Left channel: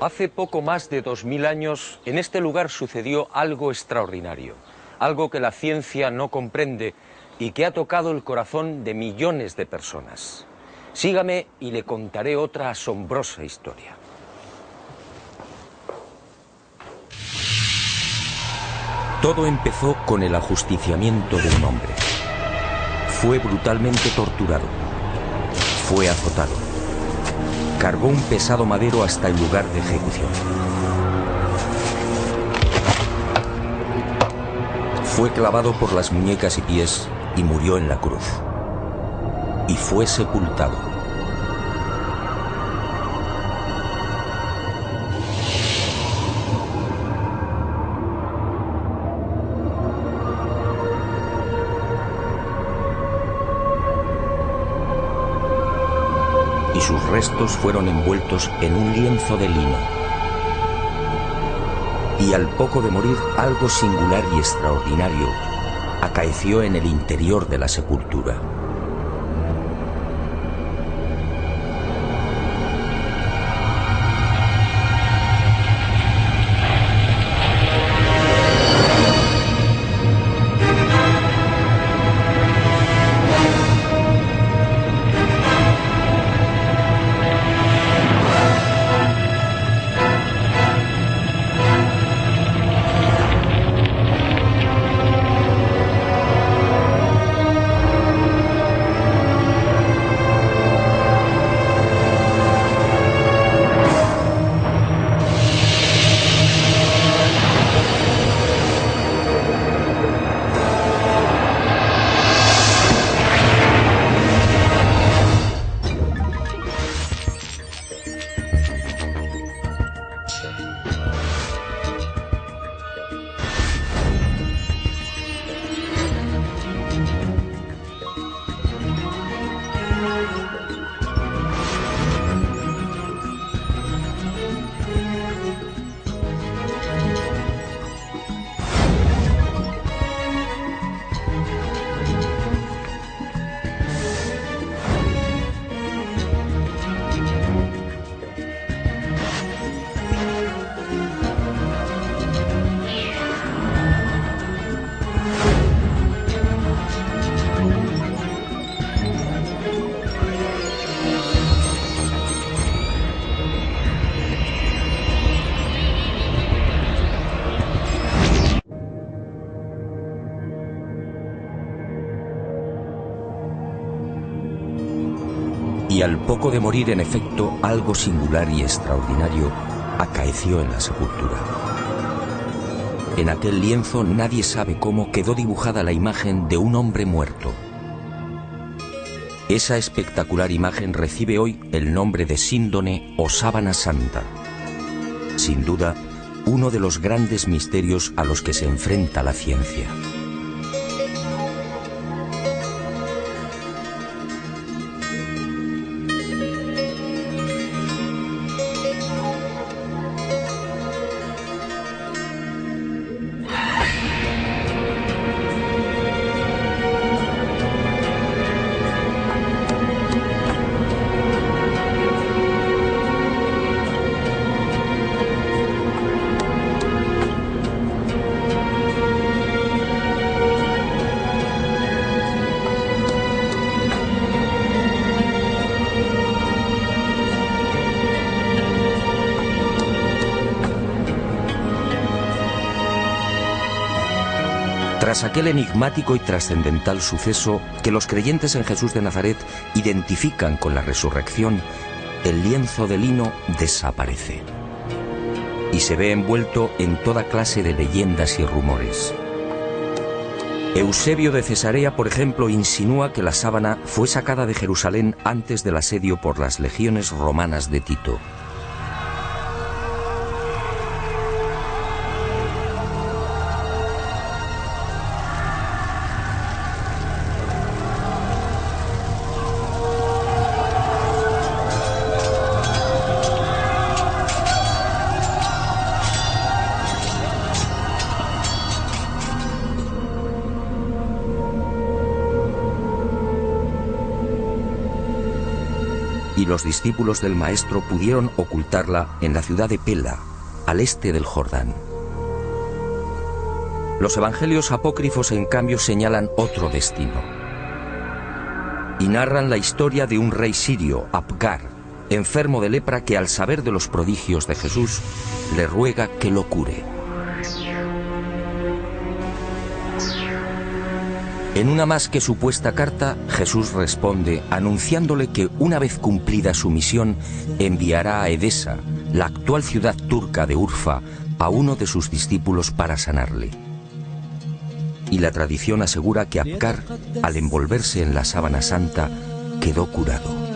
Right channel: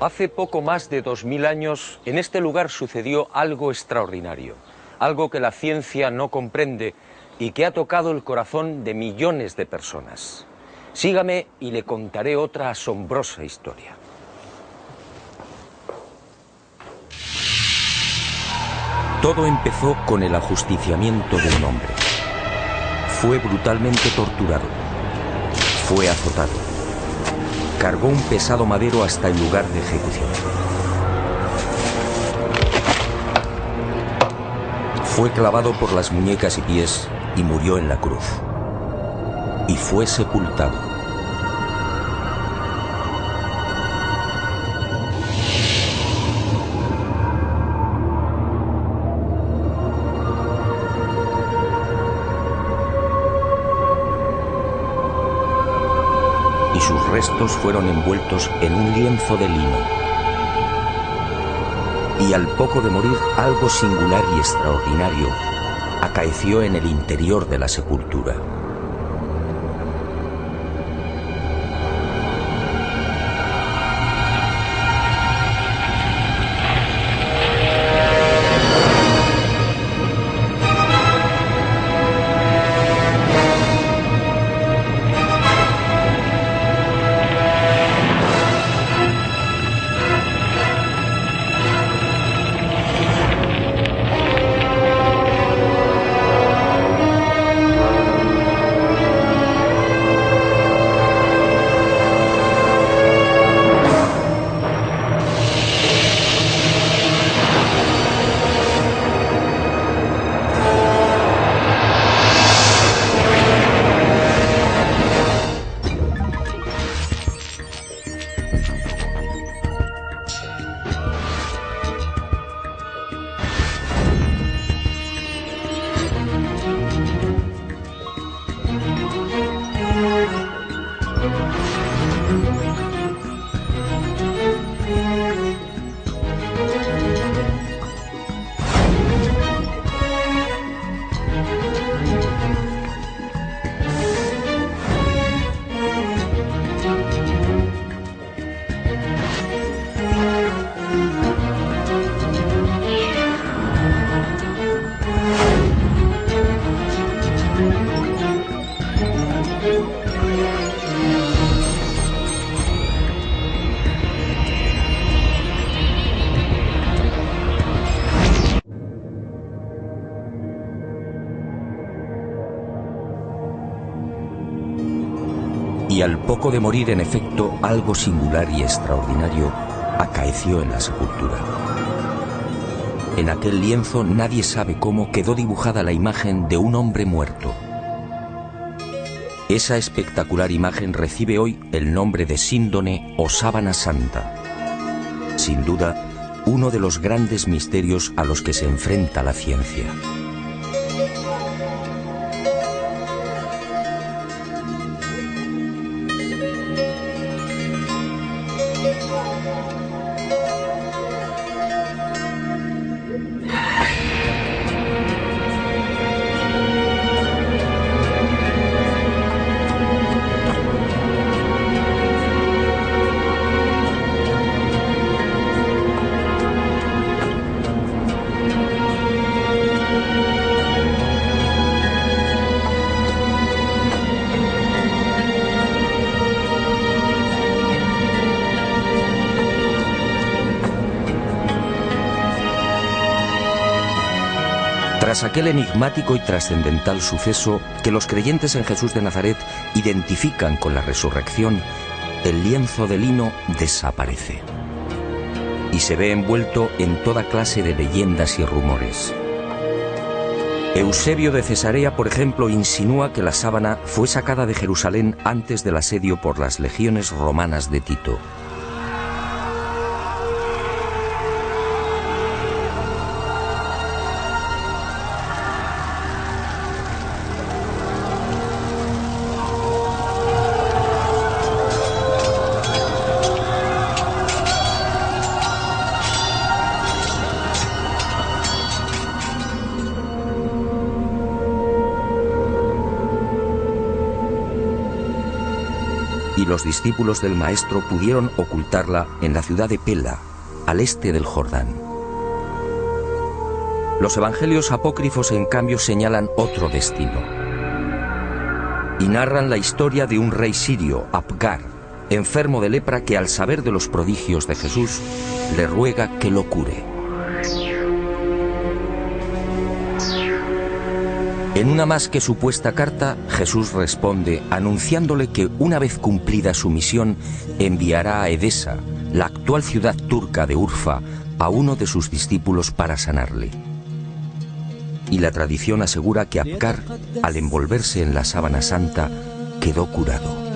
Hace poco más de 2000 años, en este lugar sucedió algo extraordinario, algo que la ciencia no comprende y que ha tocado el corazón de millones de personas. Sígame y le contaré otra asombrosa historia. Todo empezó con el ajusticiamiento de un hombre. Fue brutalmente torturado. Fue azotado. Cargó un pesado madero hasta el lugar de ejecución. Fue clavado por las muñecas y pies y murió en la cruz. Y fue sepultado. Y sus restos fueron envueltos en un lienzo de lino. Y al poco de morir, algo singular y extraordinario acaeció en el interior de la sepultura. Y al poco de morir, en efecto, algo singular y extraordinario acaeció en la sepultura. En aquel lienzo, nadie sabe cómo, quedó dibujada la imagen de un hombre muerto. Esa espectacular imagen recibe hoy el nombre de síndone o sábana santa. Sin duda, uno de los grandes misterios a los que se enfrenta la ciencia. Tras aquel enigmático y trascendental suceso que los creyentes en Jesús de Nazaret identifican con la resurrección, el lienzo de lino desaparece y se ve envuelto en toda clase de leyendas y rumores. Eusebio de Cesarea, por ejemplo, insinúa que la sábana fue sacada de Jerusalén antes del asedio por las legiones romanas de Tito. y los discípulos del Maestro pudieron ocultarla en la ciudad de Pela, al este del Jordán. Los evangelios apócrifos, en cambio, señalan otro destino y narran la historia de un rey sirio, Apgar, enfermo de lepra, que al saber de los prodigios de Jesús le ruega que lo cure. En una más que supuesta carta, Jesús responde anunciándole que una vez cumplida su misión enviará a Edesa, la actual ciudad turca de Urfa, a uno de sus discípulos para sanarle. Y la tradición asegura que Apgar, al envolverse en la sábana santa, quedó curado.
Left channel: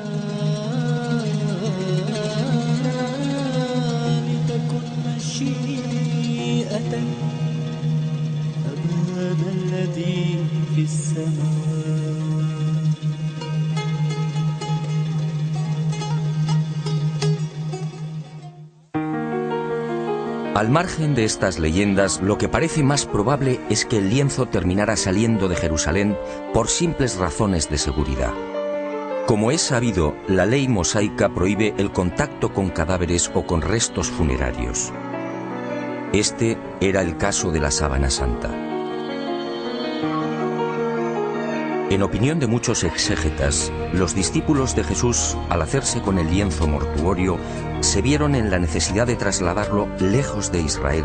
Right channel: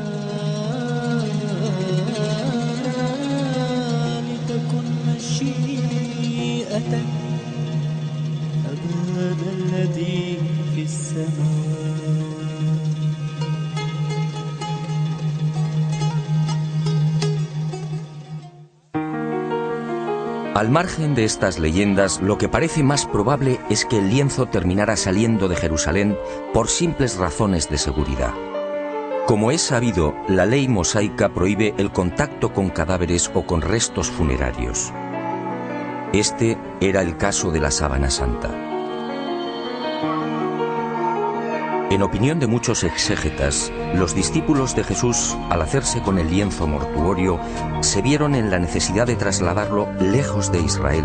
Al margen de estas leyendas, lo que parece más probable es que el lienzo terminara saliendo de Jerusalén por simples razones de seguridad. Como es sabido, la ley mosaica prohíbe el contacto con cadáveres o con restos funerarios. Este era el caso de la sábana santa. En opinión de muchos exégetas, los discípulos de Jesús, al hacerse con el lienzo mortuorio, se vieron en la necesidad de trasladarlo lejos de Israel,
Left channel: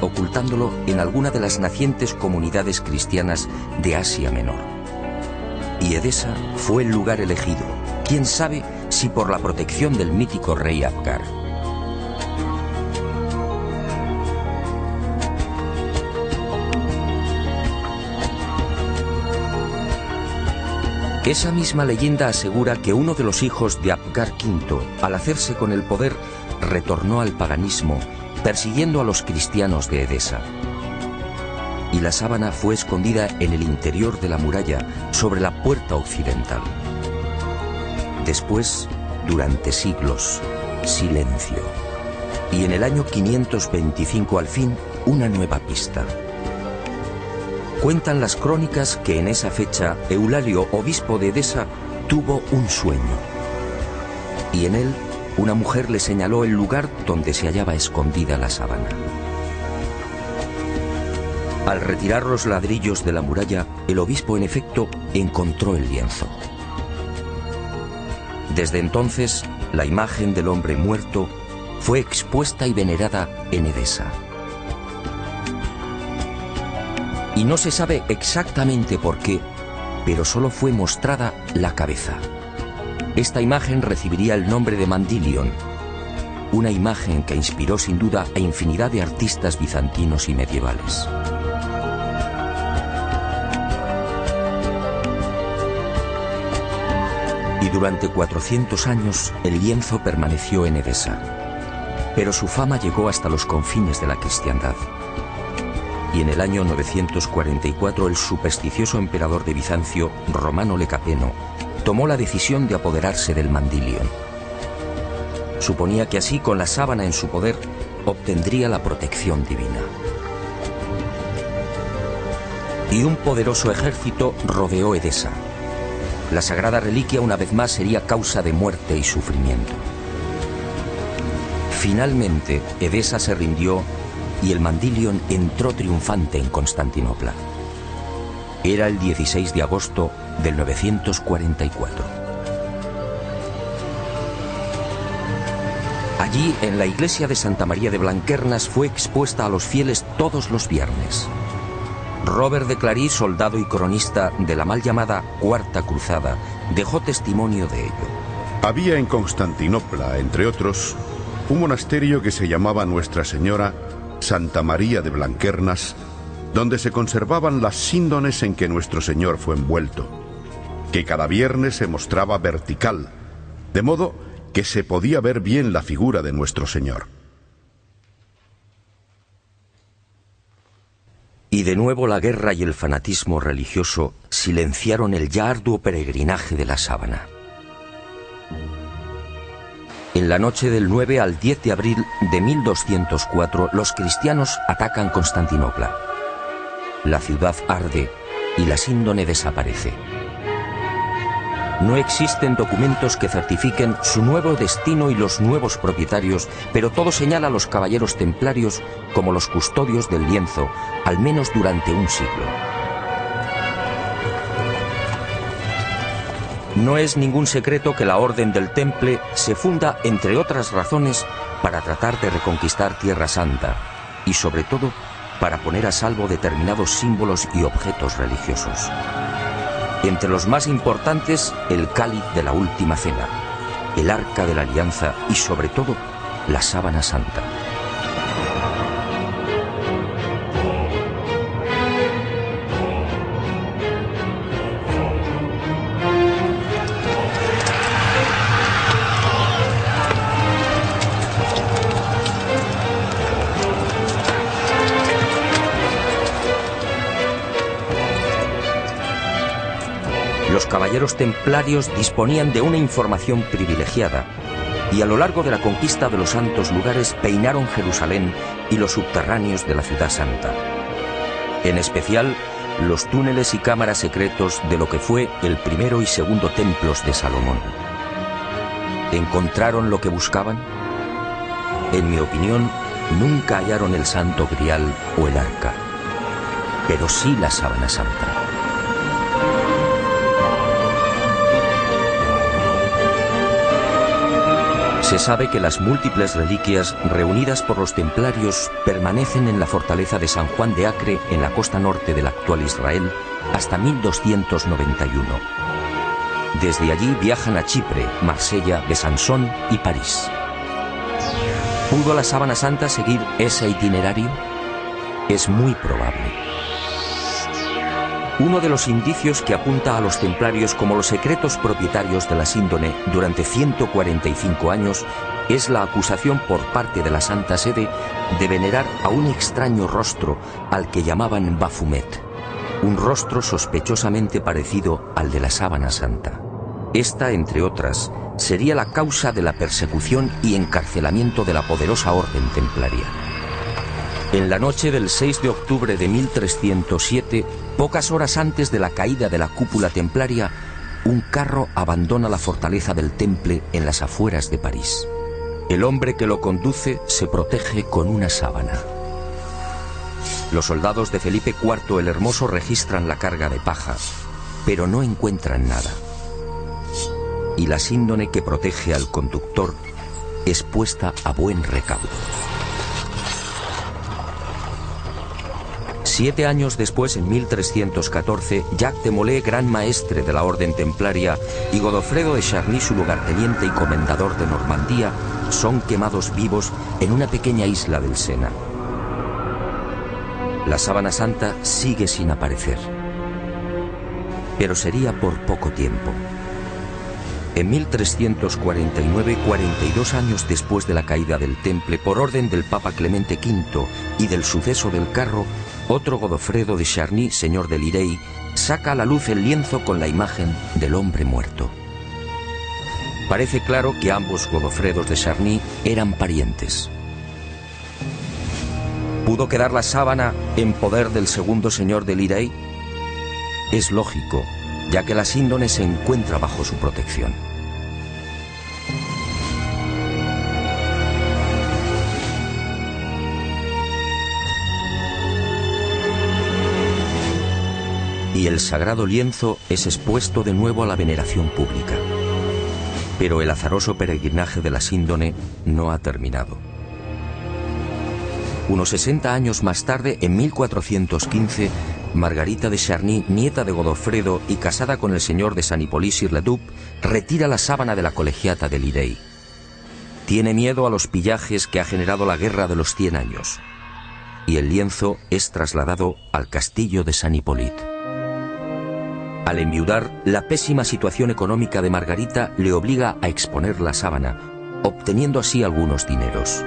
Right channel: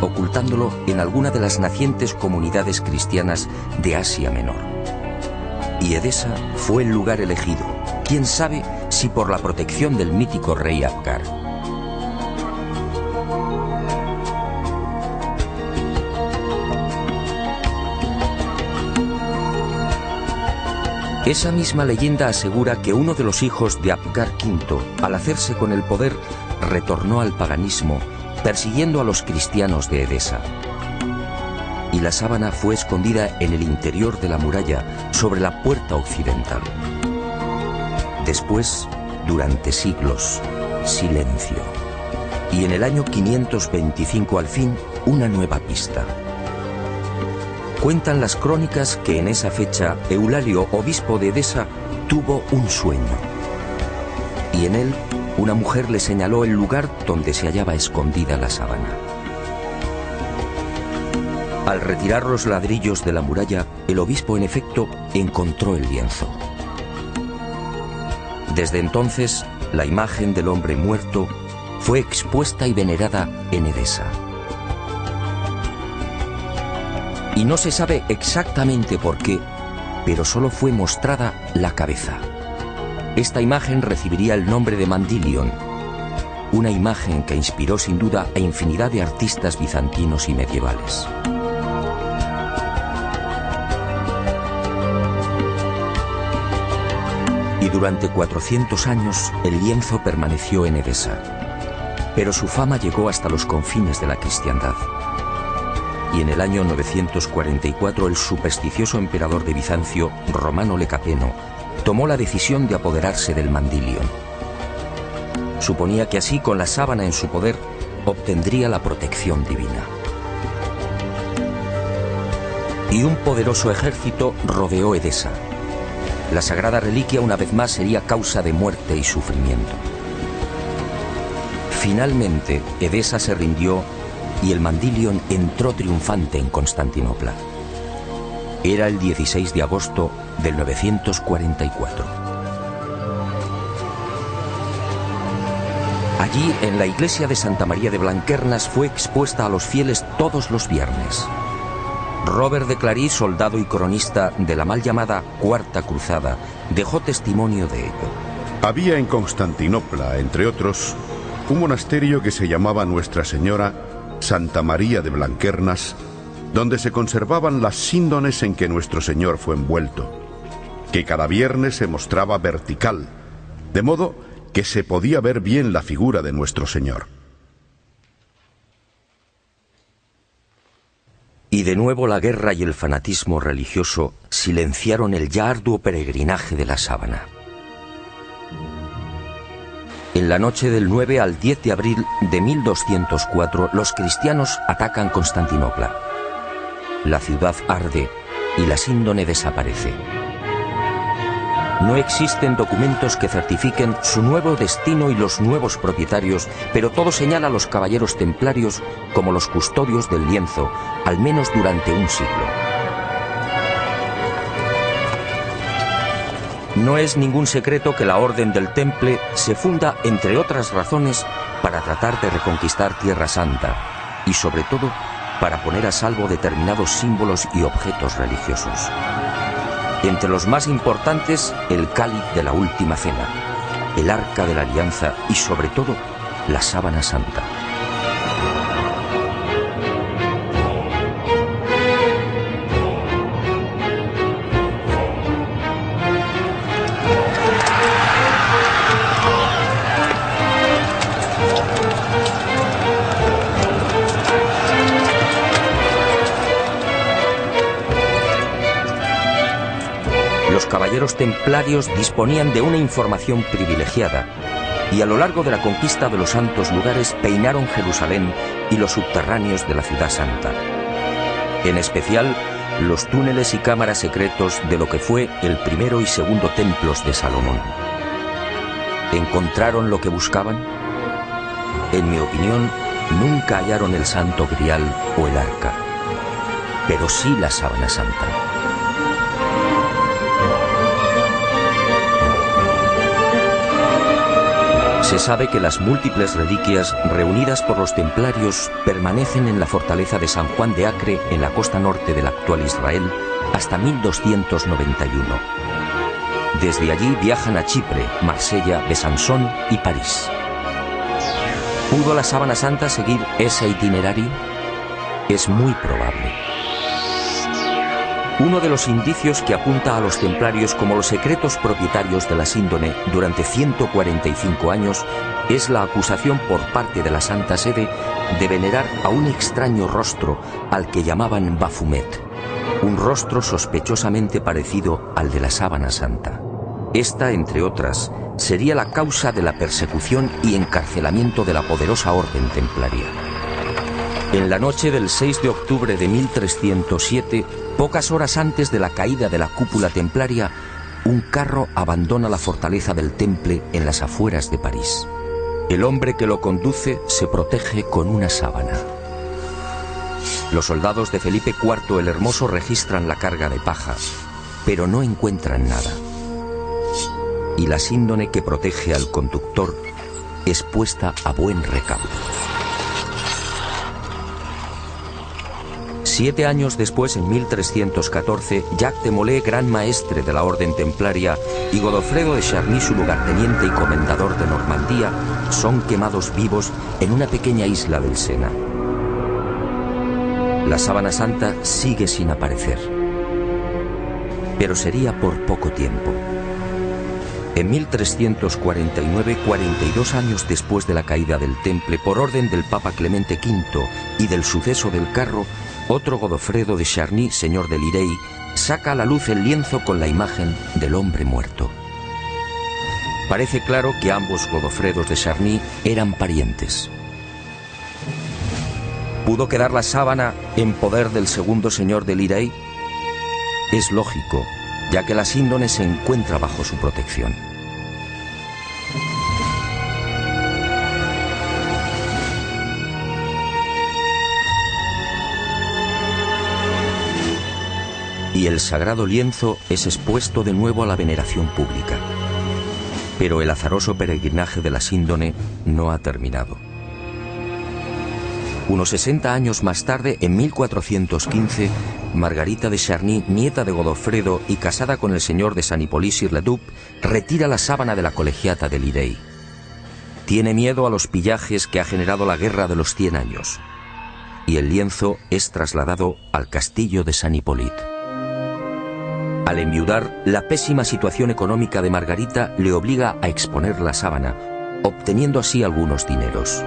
ocultándolo en alguna de las nacientes comunidades cristianas de Asia Menor. Y Edesa fue el lugar elegido, quién sabe si por la protección del mítico rey Apgar. Esa misma leyenda asegura que uno de los hijos de Apgar V, al hacerse con el poder, retornó al paganismo, persiguiendo a los cristianos de Edesa. Y la sábana fue escondida en el interior de la muralla, sobre la puerta occidental. Después, durante siglos, silencio. Y en el año 525, al fin, una nueva pista. Cuentan las crónicas que en esa fecha Eulalio, obispo de Edesa, tuvo un sueño. Y en él, una mujer le señaló el lugar donde se hallaba escondida la sábana. Al retirar los ladrillos de la muralla, el obispo en efecto encontró el lienzo. Desde entonces, la imagen del hombre muerto fue expuesta y venerada en Edesa. Y no se sabe exactamente por qué, pero solo fue mostrada la cabeza. Esta imagen recibiría el nombre de Mandilion, una imagen que inspiró sin duda a infinidad de artistas bizantinos y medievales. Y durante 400 años el lienzo permaneció en Edesa, pero su fama llegó hasta los confines de la cristiandad. Y en el año 944 el supersticioso emperador de Bizancio, Romano Lecapeno, tomó la decisión de apoderarse del Mandilion. Suponía que así, con la sábana en su poder, obtendría la protección divina. Y un poderoso ejército rodeó Edesa. La sagrada reliquia una vez más sería causa de muerte y sufrimiento. Finalmente, Edesa se rindió y el Mandilion entró triunfante en Constantinopla. Era el 16 de agosto del 944. Allí, en la iglesia de Santa María de Blanquernas, fue expuesta a los fieles todos los viernes. Robert de Clary, soldado y cronista de la mal llamada Cuarta Cruzada, dejó testimonio de ello. Había en Constantinopla, entre otros, un monasterio que se llamaba Nuestra Señora Santa María de Blanquernas, donde se conservaban las síndones en que nuestro Señor fue envuelto, que cada viernes se mostraba vertical, de modo que se podía ver bien la figura de nuestro Señor. Y de nuevo la guerra y el fanatismo religioso silenciaron el ya arduo peregrinaje de la sábana. En la noche del 9 al 10 de abril de 1204, los cristianos atacan Constantinopla. La ciudad arde y la síndone desaparece. No existen documentos que certifiquen su nuevo destino y los nuevos propietarios, pero todo señala a los caballeros templarios como los custodios del lienzo, al menos durante un siglo. No es ningún secreto que la Orden del Temple se funda, entre otras razones, para tratar de reconquistar Tierra Santa y, sobre todo, para poner a salvo determinados símbolos y objetos religiosos. Entre los más importantes, el cáliz de la Última Cena, el Arca de la Alianza y, sobre todo, la Sábana Santa. Los caballeros templarios disponían de una información privilegiada y a lo largo de la conquista de los santos lugares peinaron Jerusalén y los subterráneos de la Ciudad Santa. En especial, los túneles y cámaras secretos de lo que fue el primero y segundo templos de Salomón. ¿Encontraron lo que buscaban? En mi opinión, nunca hallaron el Santo Grial o el Arca, pero sí la Sábana Santa. Se sabe que las múltiples reliquias reunidas por los templarios permanecen en la fortaleza de San Juan de Acre, en la costa norte del actual Israel, hasta 1291. Desde allí viajan a Chipre, Marsella, Besançon y París. ¿Pudo la Sábana Santa seguir ese itinerario? Es muy probable. Uno de los indicios que apunta a los templarios como los secretos propietarios de la síndone durante 145 años es la acusación por parte de la Santa Sede de venerar a un extraño rostro al que llamaban Baphomet, un rostro sospechosamente parecido al de la Sábana Santa. Esta, entre otras, sería la causa de la persecución y encarcelamiento de la poderosa orden templaria. En la noche del 6 de octubre de 1307, pocas horas antes de la caída de la cúpula templaria, un carro abandona la fortaleza del Temple en las afueras de París. El hombre que lo conduce se protege con una sábana. Los soldados de Felipe IV el Hermoso registran la carga de paja, pero no encuentran nada. Y la síndone que protege al conductor es puesta a buen recaudo. 7 años después, en 1314, Jacques de Molay, gran maestre de la orden templaria, y Godofredo de Charny, su lugarteniente y comendador de Normandía, son quemados vivos en una pequeña isla del Sena. La Sábana Santa sigue sin aparecer, pero sería por poco tiempo. En 1349, 42 años después de la caída del Temple, por orden del Papa Clemente V y del suceso del carro, otro Godofredo de Charny, señor de Lirey, saca a la luz el lienzo con la imagen del hombre muerto. Parece claro que ambos Godofredos de Charny eran parientes. ¿Pudo quedar la sábana en poder del segundo señor de Lirey? Es lógico, ya que la síndone se encuentra bajo su protección. Y el sagrado lienzo es expuesto de nuevo a la veneración pública. Pero el azaroso peregrinaje de la síndone no ha terminado. Unos 60 años más tarde, en 1415, Margarita de Charny, nieta de Godofredo y casada con el señor de San Hippolyte-sur-le-Duc, retira la sábana de la colegiata de Lirey. Tiene miedo a los pillajes que ha generado la guerra de los 100 años. Y el lienzo es trasladado al castillo de San Hippolyte. Al enviudar, la pésima situación económica de Margarita le obliga a exponer la sábana, obteniendo así algunos dineros.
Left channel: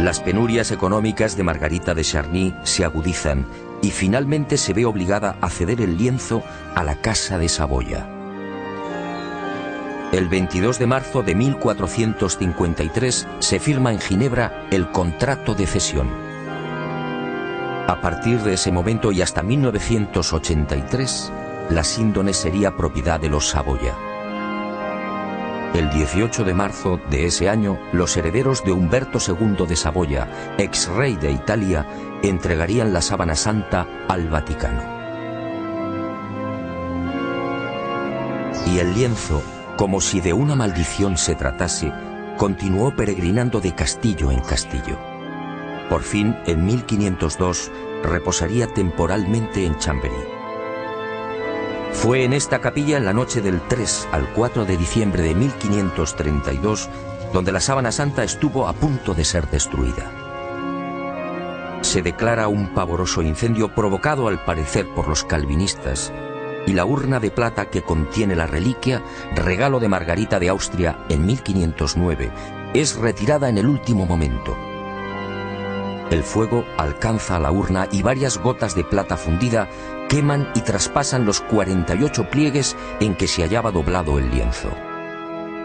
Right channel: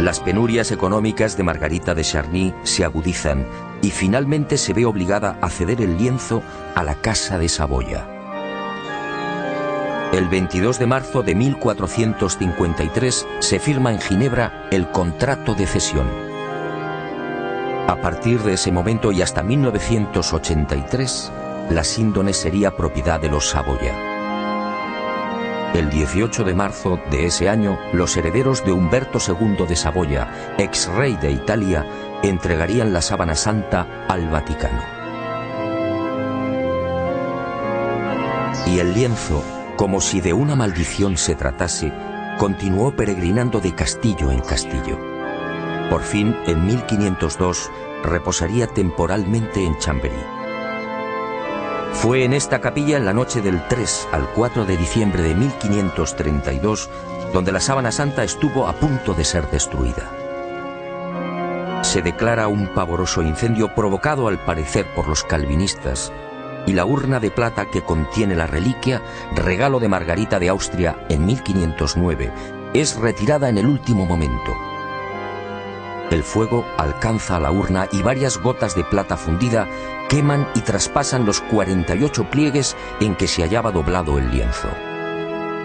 Las penurias económicas de Margarita de Charny se agudizan y finalmente se ve obligada a ceder el lienzo a la Casa de Saboya. El 22 de marzo de 1453 se firma en Ginebra el contrato de cesión. A partir de ese momento y hasta 1983, la síndone sería propiedad de los Saboya. El 18 de marzo de ese año, los herederos de Humberto II de Saboya, ex rey de Italia, entregarían la sábana santa al Vaticano. Y el lienzo, como si de una maldición se tratase, continuó peregrinando de castillo en castillo. Por fin, en 1502, reposaría temporalmente en Chambéry. Fue en esta capilla en la noche del 3 al 4 de diciembre de 1532 donde la sábana santa estuvo a punto de ser destruida. Se declara un pavoroso incendio provocado al parecer por los calvinistas, y la urna de plata que contiene la reliquia, regalo de Margarita de Austria en 1509, es retirada en el último momento. El fuego alcanza a la urna y varias gotas de plata fundida queman y traspasan los 48 pliegues en que se hallaba doblado el lienzo.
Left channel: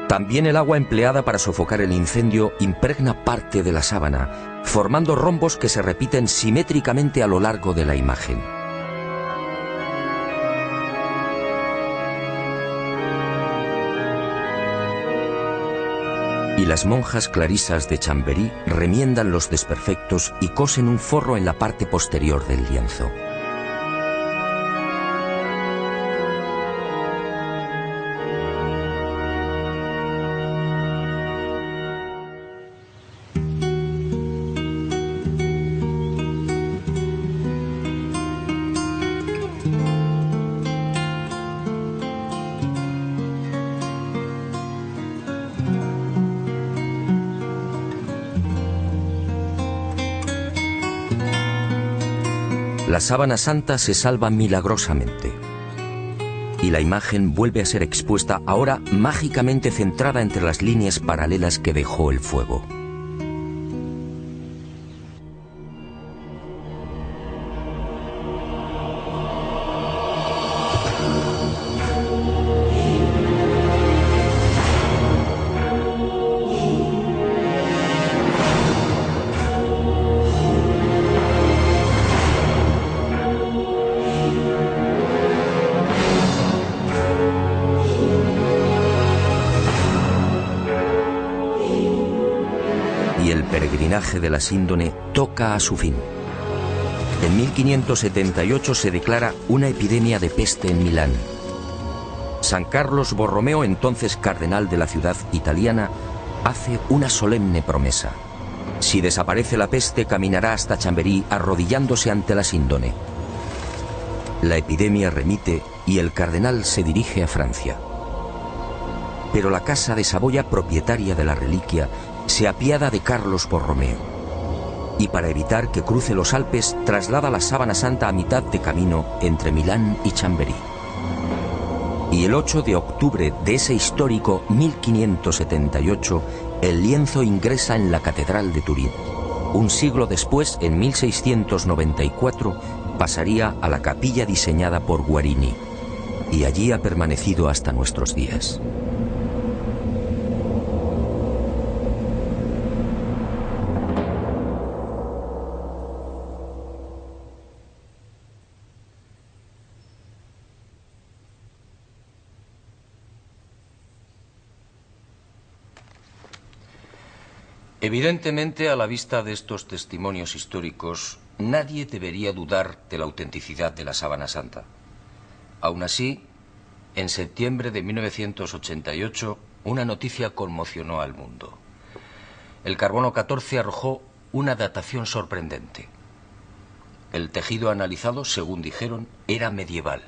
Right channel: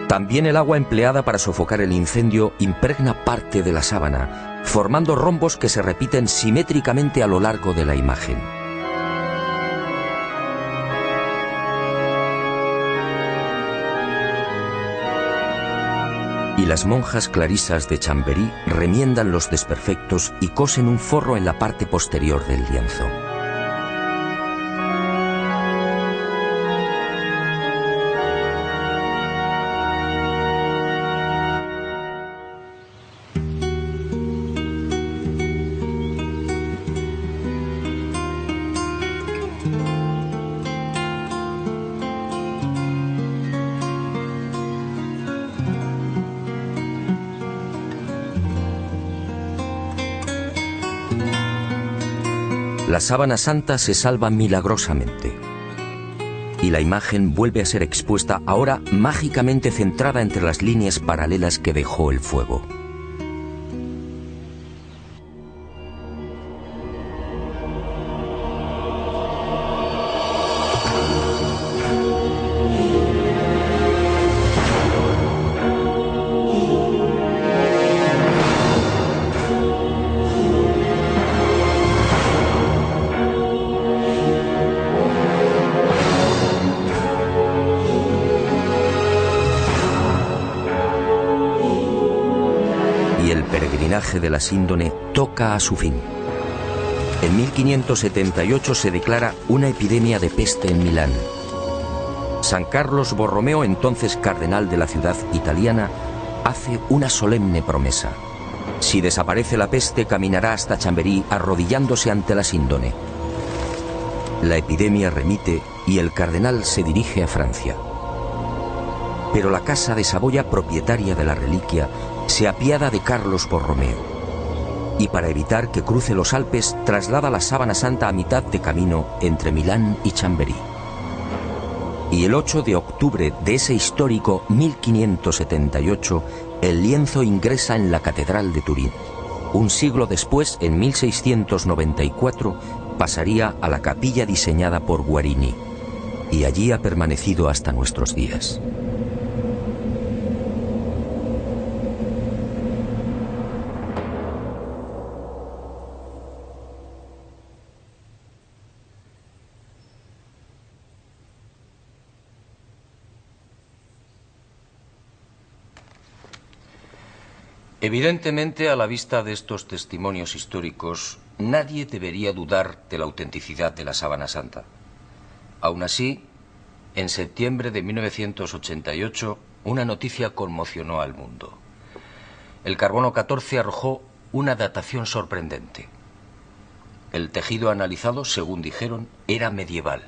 También el agua empleada para sofocar el incendio impregna parte de la sábana, formando rombos que se repiten simétricamente a lo largo de la imagen. Y las monjas clarisas de Chambéry remiendan los desperfectos y cosen un forro en la parte posterior del lienzo. La sábana santa se salva milagrosamente y la imagen vuelve a ser expuesta, ahora mágicamente centrada entre las líneas paralelas que dejó el fuego. Y el peregrinaje de la síndone toca a su fin. En 1578 se declara una epidemia de peste en Milán. San Carlos Borromeo, entonces cardenal de la ciudad italiana, hace una solemne promesa. Si desaparece la peste, caminará hasta Chambéry arrodillándose ante la síndone. La epidemia remite y el cardenal se dirige a Francia. Pero la Casa de Saboya, propietaria de la reliquia, se apiada de Carlos Borromeo y para evitar que cruce los Alpes traslada la sábana santa a mitad de camino entre Milán y Chambéry. Y el 8 de octubre de ese histórico 1578 el lienzo ingresa en la Catedral de Turín. Un siglo después, en 1694, pasaría a la capilla diseñada por Guarini y allí ha permanecido hasta nuestros días. Evidentemente, a la vista de estos testimonios históricos, nadie debería dudar de la autenticidad de la sábana santa. Aún así, en septiembre de 1988, una noticia conmocionó al mundo. El carbono 14 arrojó una datación sorprendente. El tejido analizado, según dijeron, era medieval.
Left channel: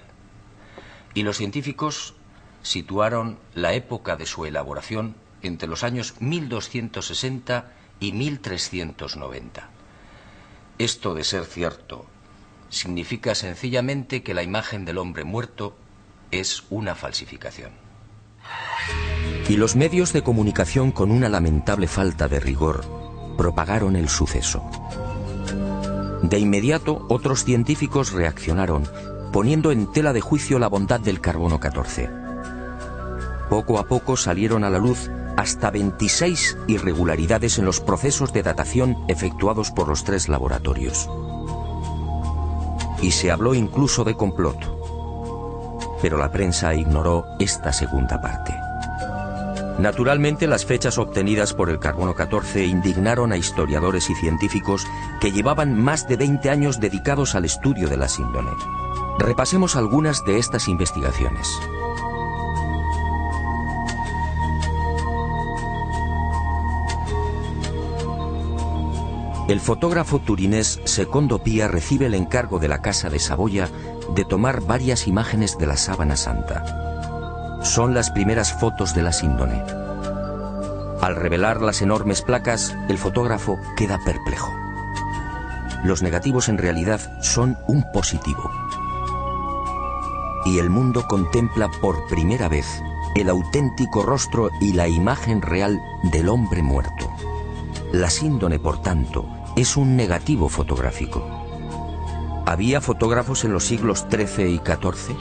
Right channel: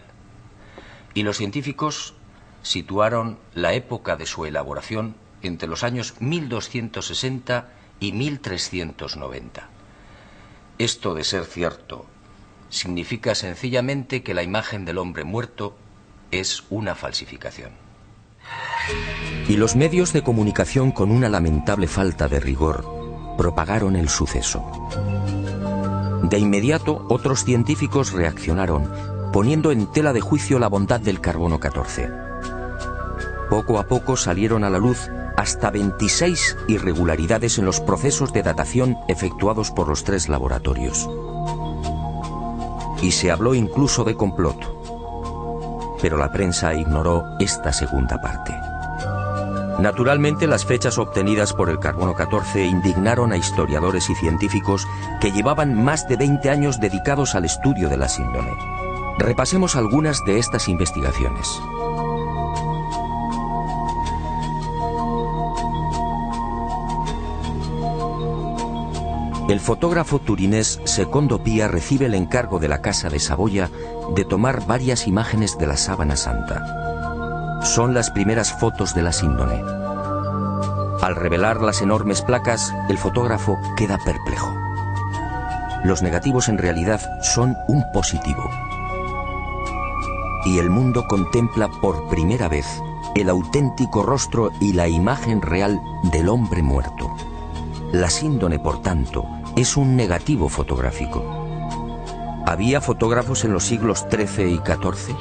Y los científicos situaron la época de su elaboración entre los años 1260 y 1390. Esto, de ser cierto, significa sencillamente que la imagen del hombre muerto es una falsificación. Y los medios de comunicación, con una lamentable falta de rigor, propagaron el suceso. De inmediato, otros científicos reaccionaron, poniendo en tela de juicio la bondad del carbono 14. Poco a poco salieron a la luz hasta 26 irregularidades en los procesos de datación efectuados por los 3 laboratorios. Y se habló incluso de complot. Pero la prensa ignoró esta segunda parte. Naturalmente, las fechas obtenidas por el carbono 14 indignaron a historiadores y científicos que llevaban más de 20 años dedicados al estudio de la síndone. Repasemos algunas de estas investigaciones. El fotógrafo turinés Secondo Pia recibe el encargo de la Casa de Saboya de tomar varias imágenes de la Sábana Santa. Son las primeras fotos de la síndone. Al revelar las enormes placas, el fotógrafo queda perplejo. Los negativos en realidad son un positivo. Y el mundo contempla por primera vez el auténtico rostro y la imagen real del hombre muerto. La síndone, por tanto, es un negativo fotográfico. ¿Había fotógrafos en los siglos XIII y XIV?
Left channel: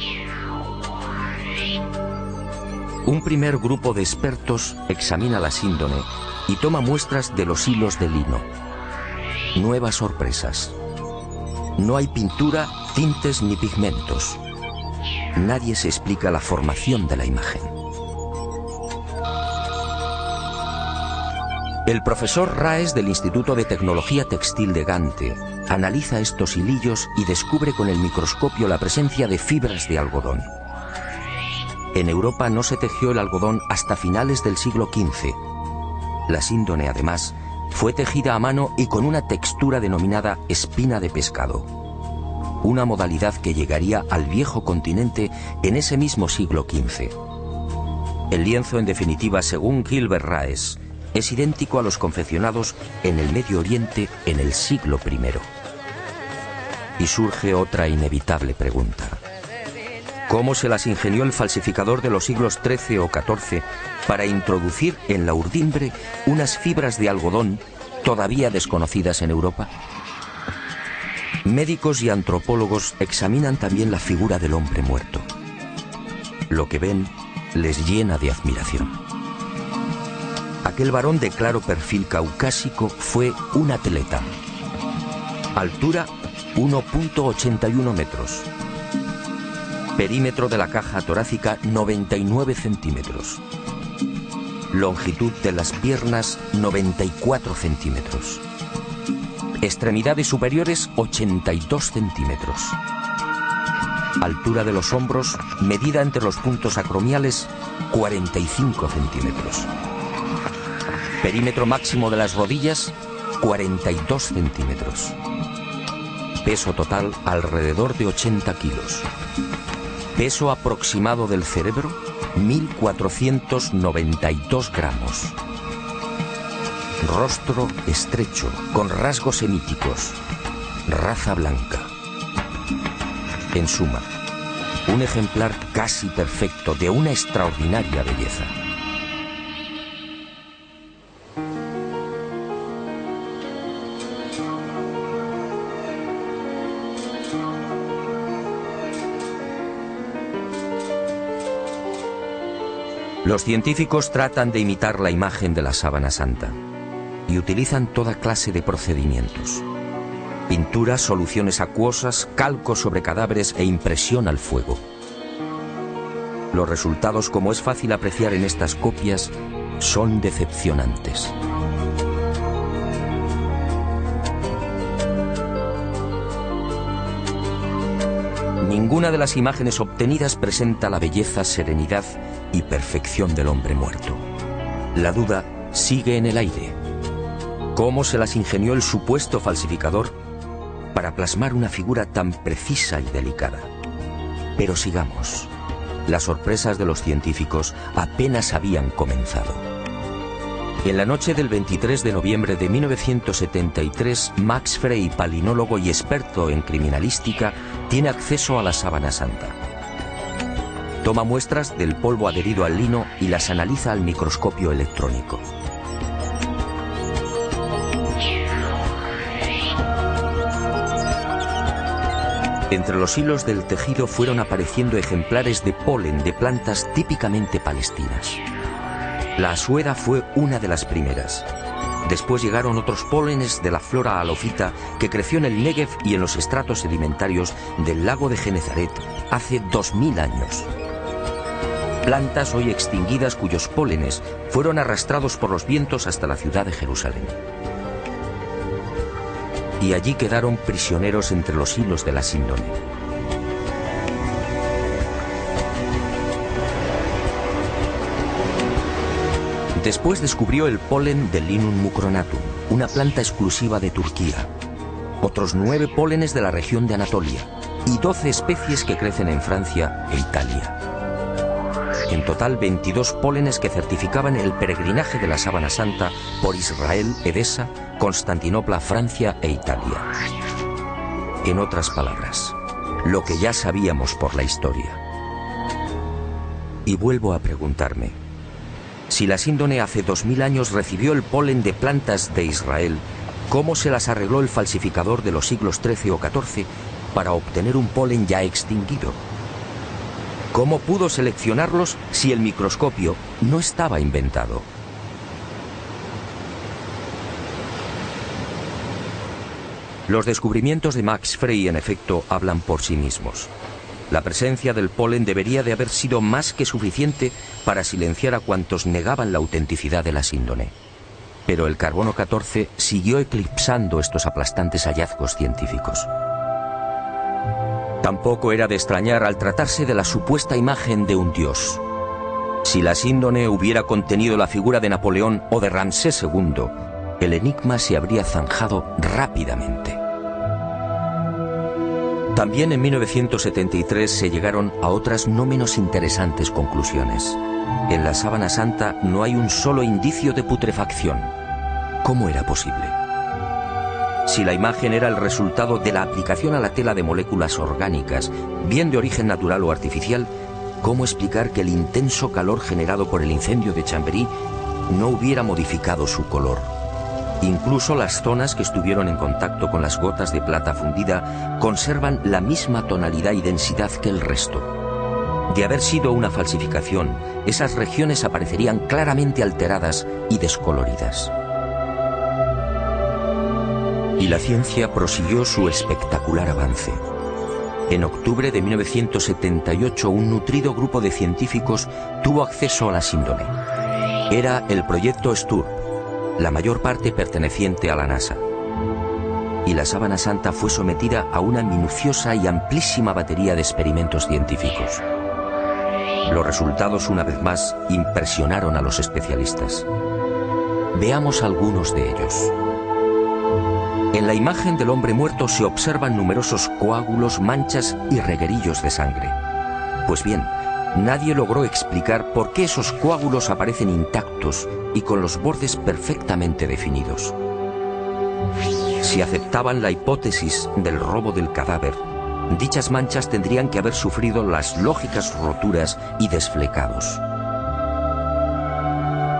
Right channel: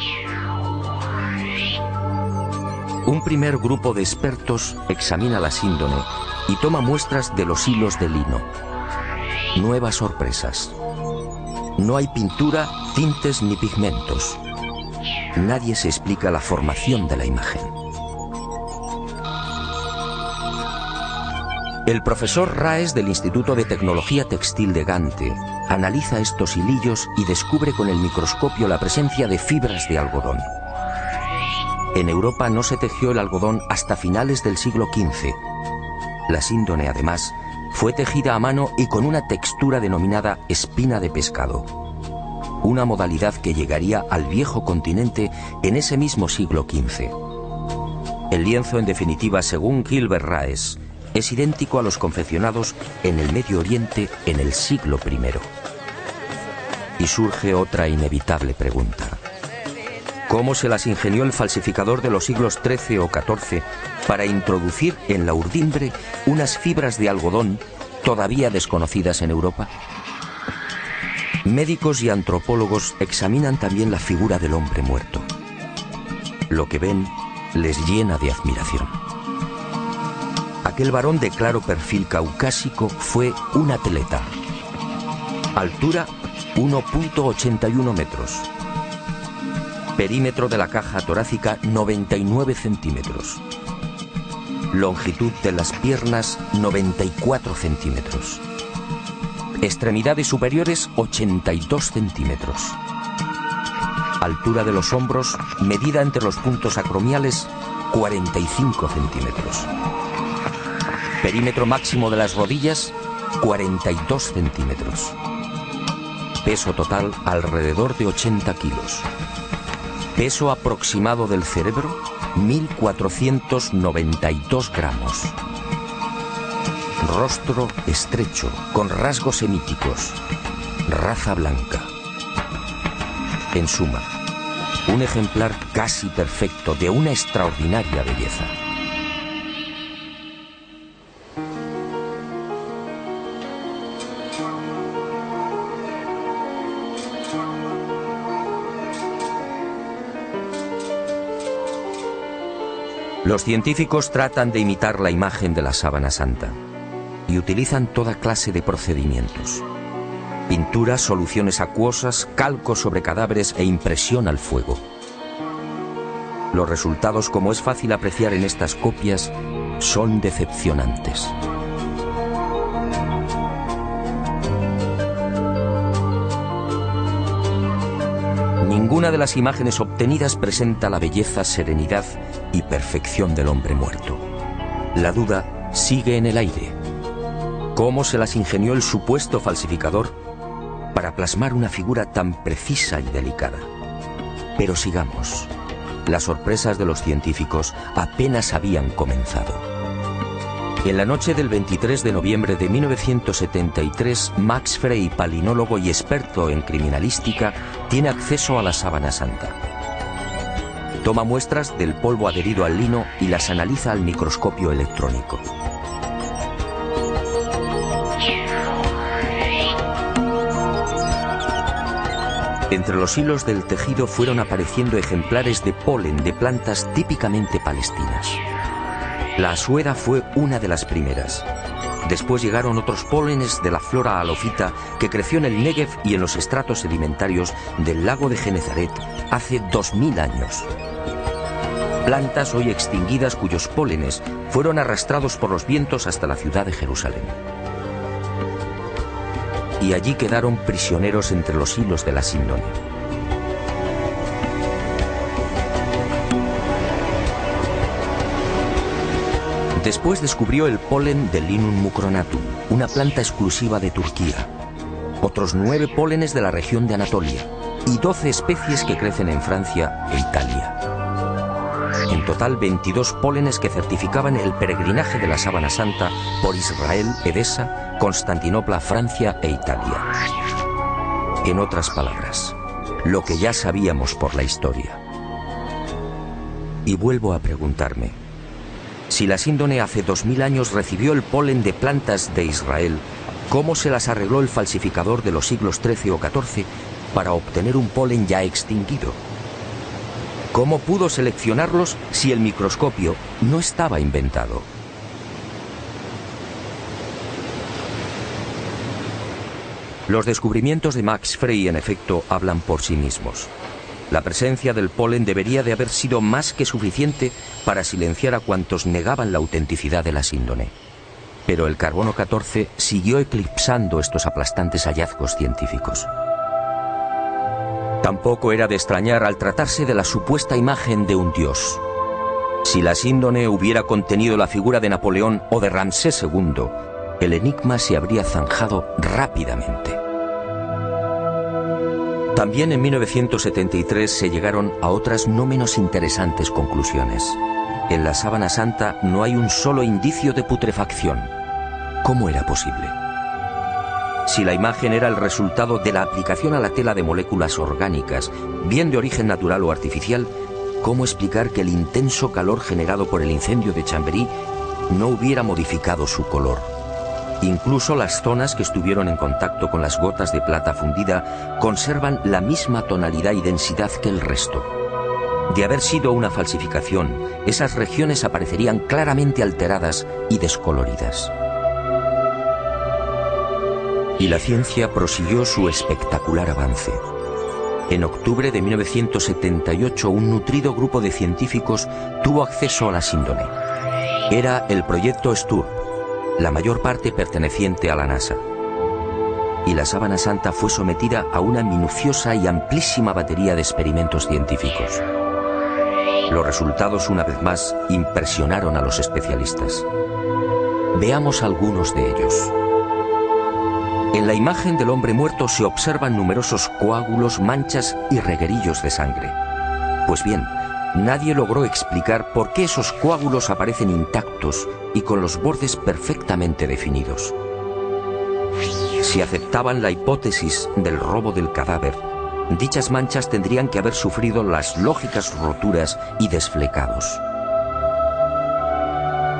Un primer grupo de expertos examina la síndone y toma muestras de los hilos de lino. Nuevas sorpresas. No hay pintura, tintes ni pigmentos. Nadie se explica la formación de la imagen. El profesor Raes del Instituto de Tecnología Textil de Gante analiza estos hilillos y descubre con el microscopio la presencia de fibras de algodón. En Europa no se tejió el algodón hasta finales del siglo XV. La síndone, además, fue tejida a mano y con una textura denominada espina de pescado, una modalidad que llegaría al viejo continente en ese mismo siglo XV. El lienzo, en definitiva, según Gilbert Raes, es idéntico a los confeccionados en el Medio Oriente en el siglo I. Y surge otra inevitable pregunta. ¿Cómo se las ingenió el falsificador de los siglos XIII o XIV para introducir en la urdimbre unas fibras de algodón todavía desconocidas en Europa? Médicos y antropólogos examinan también la figura del hombre muerto. Lo que ven les llena de admiración. Aquel varón de claro perfil caucásico fue un atleta. Altura 1,81 metros. Perímetro de la caja torácica 99 centímetros. Longitud de las piernas 94 centímetros. Extremidades superiores 82 centímetros. Altura de los hombros, medida entre los puntos acromiales, 45 centímetros. Perímetro máximo de las rodillas, 42 centímetros. Peso total alrededor de 80 kilos. Peso aproximado del cerebro, 1.492 gramos. Rostro estrecho, con rasgos semíticos. Raza blanca. En suma, un ejemplar casi perfecto de una extraordinaria belleza. Los científicos tratan de imitar la imagen de la Sábana Santa y utilizan toda clase de procedimientos. Pinturas, soluciones acuosas, calco sobre cadáveres e impresión al fuego. Los resultados, como es fácil apreciar en estas copias, son decepcionantes. Ninguna de las imágenes obtenidas presenta la belleza, serenidad y perfección del hombre muerto. La duda sigue en el aire. ¿Cómo se las ingenió el supuesto falsificador para plasmar una figura tan precisa y delicada? Pero sigamos. Las sorpresas de los científicos apenas habían comenzado. En la noche del 23 de noviembre de 1973, Max Frey, palinólogo y experto en criminalística, tiene acceso a la Sábana Santa. Toma muestras del polvo adherido al lino y las analiza al microscopio electrónico. Entre los hilos del tejido fueron apareciendo ejemplares de polen de plantas típicamente palestinas. La asueda fue una de las primeras. Después llegaron otros pólenes de la flora halofita que creció en el Negev y en los estratos sedimentarios del lago de Genezaret hace 2000 años. Plantas hoy extinguidas cuyos pólenes fueron arrastrados por los vientos hasta la ciudad de Jerusalén. Y allí quedaron prisioneros entre los hilos de la síndone. Después descubrió el polen del Linum mucronatum, una planta exclusiva de Turquía, otros 9 pólenes de la región de Anatolia y 12 especies que crecen en Francia e Italia. En total 22 pólenes que certificaban el peregrinaje de la Sábana Santa por Israel, Edesa, Constantinopla, Francia e Italia. En otras palabras, lo que ya sabíamos por la historia. Y vuelvo a preguntarme, si la síndone hace 2000 años recibió el polen de plantas de Israel, ¿cómo se las arregló el falsificador de los siglos XIII o XIV para obtener un polen ya extinguido? ¿Cómo pudo seleccionarlos si el microscopio no estaba inventado? Los descubrimientos de Max Frey, en efecto, hablan por sí mismos. La presencia del polen debería de haber sido más que suficiente para silenciar a cuantos negaban la autenticidad de la síndone. Pero el carbono 14 siguió eclipsando estos aplastantes hallazgos científicos. Tampoco era de extrañar al tratarse de la supuesta imagen de un dios. Si la síndone hubiera contenido la figura de Napoleón o de Ramsés II, el enigma se habría zanjado rápidamente. También en 1973 se llegaron a otras no menos interesantes conclusiones. En la Sábana Santa no hay un solo indicio de putrefacción. ¿Cómo era posible? Si la imagen era el resultado de la aplicación a la tela de moléculas orgánicas, bien de origen natural o artificial, ¿cómo explicar que el intenso calor generado por el incendio de Chambéry no hubiera modificado su color? Incluso las zonas que estuvieron en contacto con las gotas de plata fundida conservan la misma tonalidad y densidad que el resto. De haber sido una falsificación, esas regiones aparecerían claramente alteradas y descoloridas. Y la ciencia prosiguió su espectacular avance. En octubre de 1978, un nutrido grupo de científicos tuvo acceso a la síndone. Era el proyecto STURP, la mayor parte perteneciente a la NASA. Y la Sábana Santa fue sometida a una minuciosa y amplísima batería de experimentos científicos. Los resultados, una vez más, impresionaron a los especialistas. Veamos algunos de ellos. En la imagen del hombre muerto se observan numerosos coágulos, manchas y reguerillos de sangre. Pues bien, nadie logró explicar por qué esos coágulos aparecen intactos y con los bordes perfectamente definidos. Si aceptaban la hipótesis del robo del cadáver, dichas manchas tendrían que haber sufrido las lógicas roturas y desflecados.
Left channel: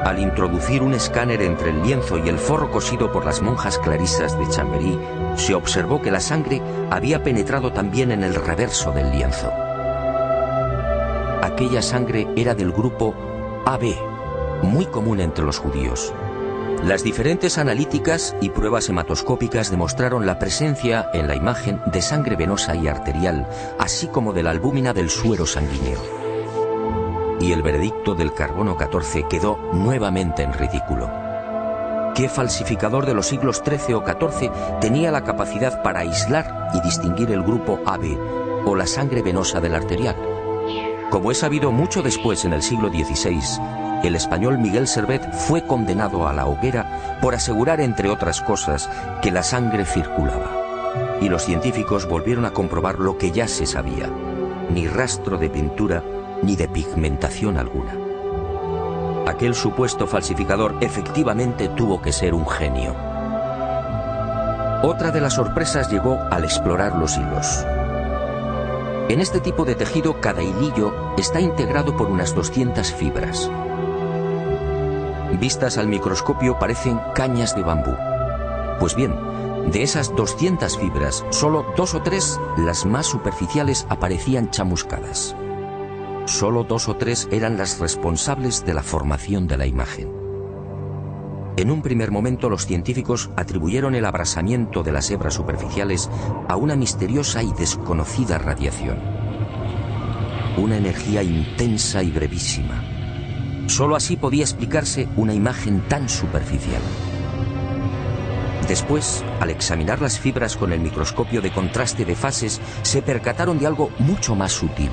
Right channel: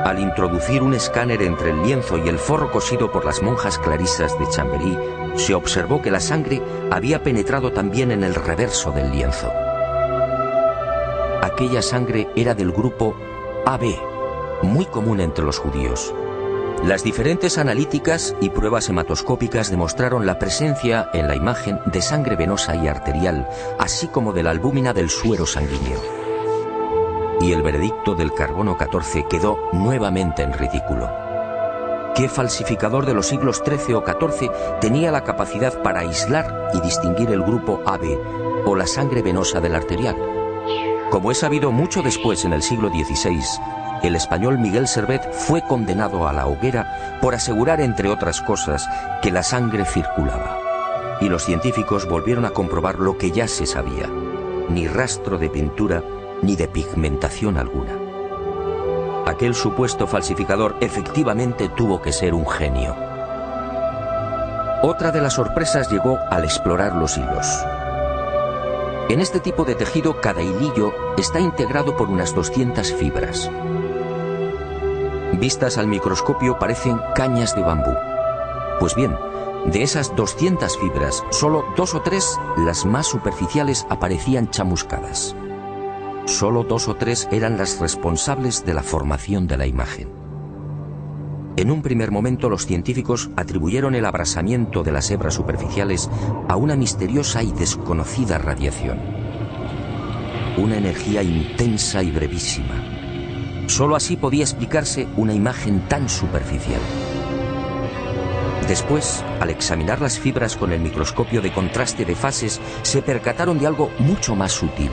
Al introducir un escáner entre el lienzo y el forro cosido por las monjas clarisas de Chambéry, se observó que la sangre había penetrado también en el reverso del lienzo. Aquella sangre era del grupo AB, muy común entre los judíos. Las diferentes analíticas y pruebas hematoscópicas demostraron la presencia en la imagen de sangre venosa y arterial, así como de la albúmina del suero sanguíneo. Y el veredicto del carbono 14 quedó nuevamente en ridículo. ¿Qué falsificador de los siglos XIII o XIV tenía la capacidad para aislar y distinguir el grupo AB o la sangre venosa del arterial? Como es sabido, mucho después, en el siglo XVI, el español Miguel Servet fue condenado a la hoguera por asegurar, entre otras cosas, que la sangre circulaba. Y los científicos volvieron a comprobar lo que ya se sabía: ni rastro de pintura ni de pigmentación alguna. Aquel supuesto falsificador efectivamente tuvo que ser un genio. Otra de las sorpresas llegó al explorar los hilos. En este tipo de tejido, cada hilillo está integrado por unas 200 fibras. Vistas al microscopio parecen cañas de bambú. Pues bien, De esas 200 fibras, solo 2 o 3, las más superficiales, aparecían chamuscadas. Solo 2 o 3 eran las responsables de la formación de la imagen. En un primer momento, los científicos atribuyeron el abrasamiento de las hebras superficiales a una misteriosa y desconocida radiación. Una energía intensa y brevísima. Solo así podía explicarse una imagen tan superficial. Después, al examinar las fibras con el microscopio de contraste de fases, se percataron de algo mucho más sutil.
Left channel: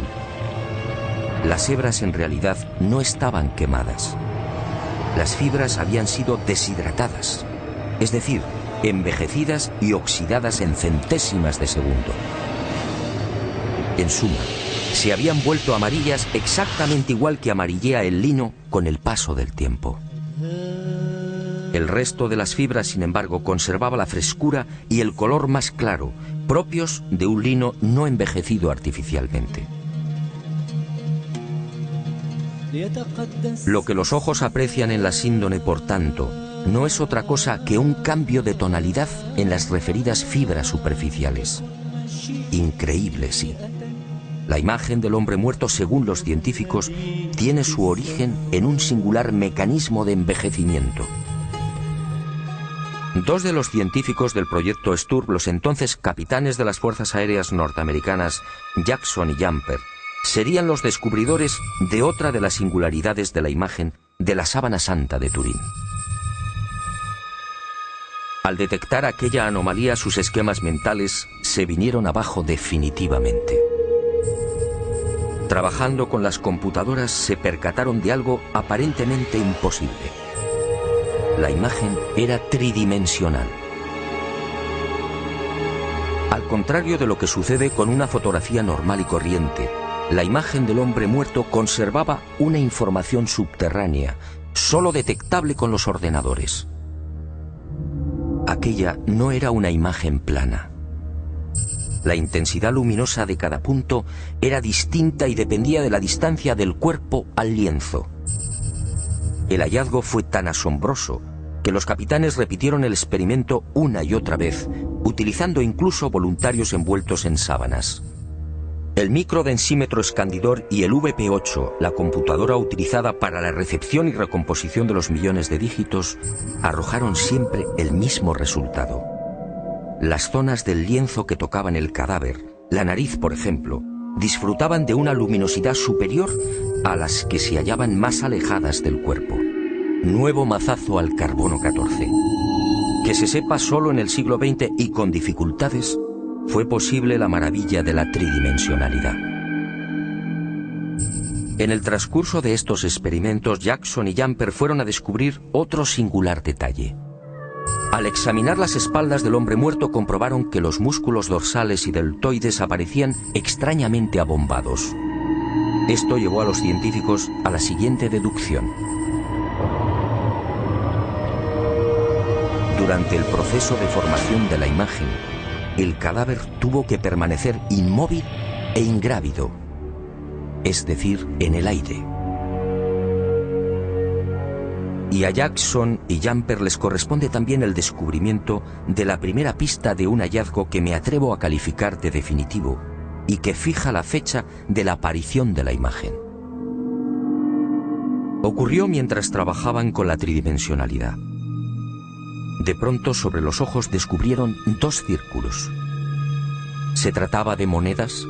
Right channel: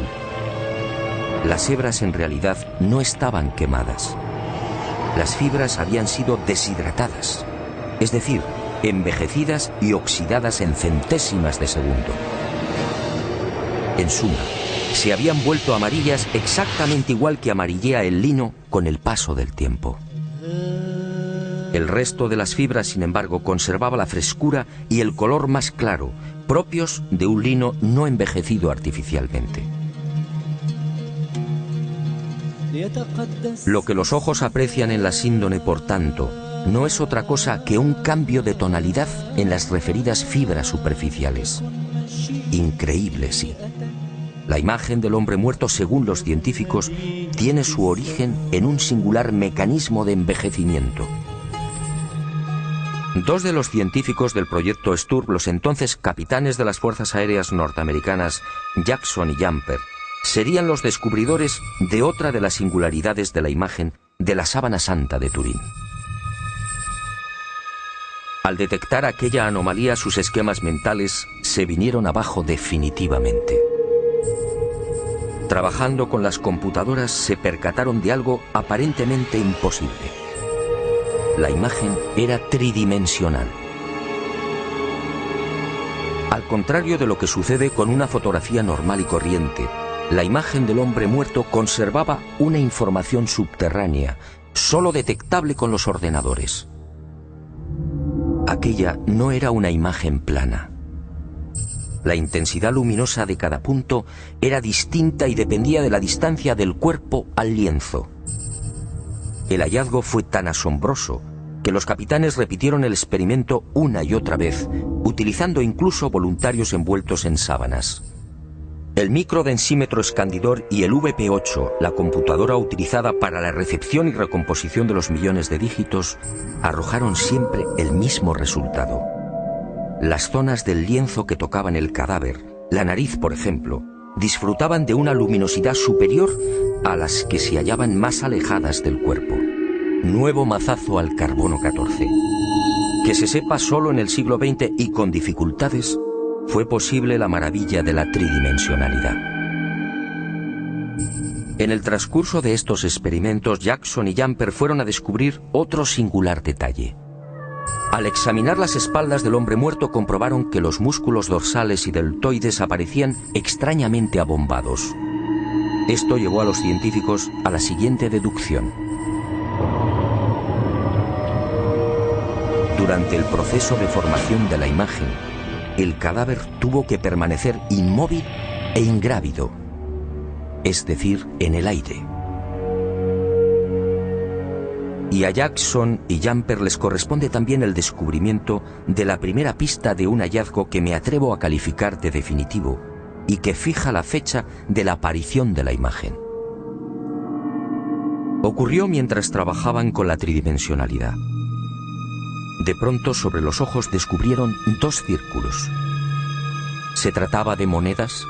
Las hebras en realidad no estaban quemadas. Las fibras habían sido deshidratadas, es decir, envejecidas y oxidadas en centésimas de segundo. En suma, se habían vuelto amarillas exactamente igual que amarillea el lino con el paso del tiempo. El resto de las fibras, sin embargo, conservaba la frescura y el color más claro, propios de un lino no envejecido artificialmente. Lo que los ojos aprecian en la síndone, por tanto, no es otra cosa que un cambio de tonalidad en las referidas fibras superficiales. Increíble, sí. La imagen del hombre muerto, según los científicos, tiene su origen en un singular mecanismo de envejecimiento. Dos de los científicos del proyecto Sturm, los entonces capitanes de las Fuerzas Aéreas norteamericanas, Jackson y Jumper, serían los descubridores de otra de las singularidades de la imagen de la sábana santa de Turín. Al detectar aquella anomalía, sus esquemas mentales se vinieron abajo definitivamente. Trabajando con las computadoras, se percataron de algo aparentemente imposible. La imagen era tridimensional. Al contrario de lo que sucede con una fotografía normal y corriente, la imagen del hombre muerto conservaba una información subterránea, solo detectable con los ordenadores. Aquella no era una imagen plana. La intensidad luminosa de cada punto era distinta y dependía de la distancia del cuerpo al lienzo. El hallazgo fue tan asombroso que los capitanes repitieron el experimento una y otra vez, utilizando incluso voluntarios envueltos en sábanas. El microdensímetro escandidor y el VP8, la computadora utilizada para la recepción y recomposición de los millones de dígitos, arrojaron siempre el mismo resultado. Las zonas del lienzo que tocaban el cadáver, la nariz por ejemplo, disfrutaban de una luminosidad superior a las que se hallaban más alejadas del cuerpo. Nuevo mazazo al carbono 14. Que se sepa, solo en el siglo XX y con dificultades fue posible la maravilla de la tridimensionalidad. En el transcurso de estos experimentos, Jackson y Jumper fueron a descubrir otro singular detalle. Al examinar las espaldas del hombre muerto, comprobaron que los músculos dorsales y deltoides aparecían extrañamente abombados. Esto llevó a los científicos a la siguiente deducción. Durante el proceso de formación de la imagen, el cadáver tuvo que permanecer inmóvil e ingrávido, es decir, en el aire. Y a Jackson y Jumper les corresponde también el descubrimiento de la primera pista de un hallazgo que me atrevo a calificar de definitivo y que fija la fecha de la aparición de la imagen. Ocurrió mientras trabajaban con la tridimensionalidad. De pronto, sobre los ojos descubrieron dos círculos. ¿Se trataba de monedas?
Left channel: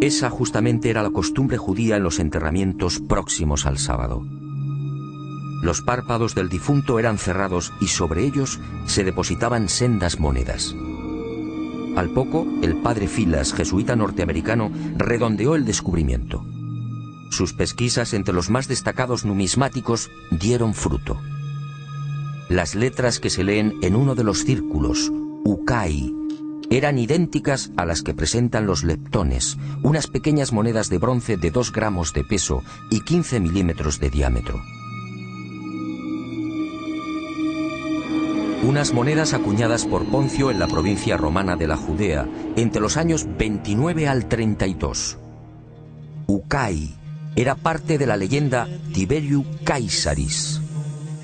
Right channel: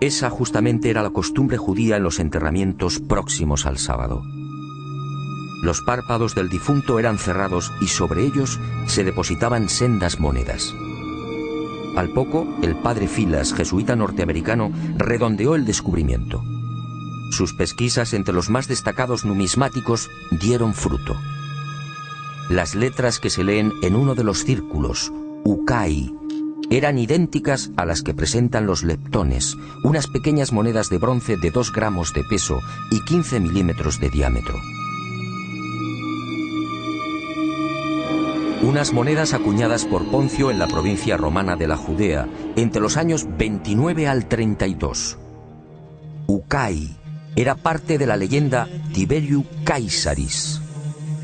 Esa justamente era la costumbre judía en los enterramientos próximos al sábado. Los párpados del difunto eran cerrados y sobre ellos se depositaban sendas monedas. Al poco, el padre Filas, jesuita norteamericano, redondeó el descubrimiento. Sus pesquisas entre los más destacados numismáticos dieron fruto. Las letras que se leen en uno de los círculos, Ukai, eran idénticas a las que presentan los leptones, unas pequeñas monedas de bronce de 2 gramos de peso y 15 milímetros de diámetro. Unas monedas acuñadas por Poncio en la provincia romana de la Judea entre los años 29 al 32. Ukai era parte de la leyenda Tiberiu Caesaris,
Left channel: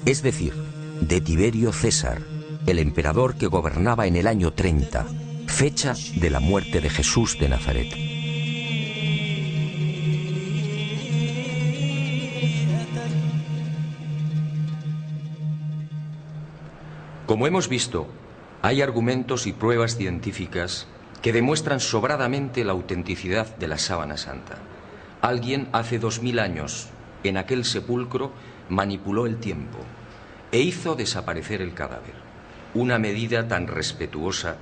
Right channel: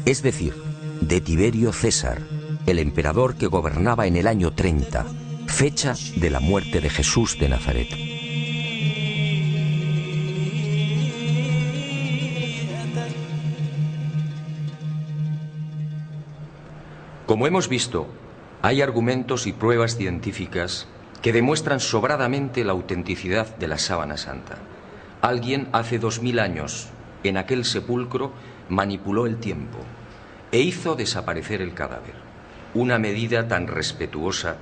es decir, de Tiberio César, el emperador que gobernaba en el año 30, fecha de la muerte de Jesús de Nazaret. Como hemos visto, hay argumentos y pruebas científicas que demuestran sobradamente la autenticidad de la sábana santa. Alguien hace 2000 años, en aquel sepulcro, manipuló el tiempo e hizo desaparecer el cadáver. Una medida tan respetuosa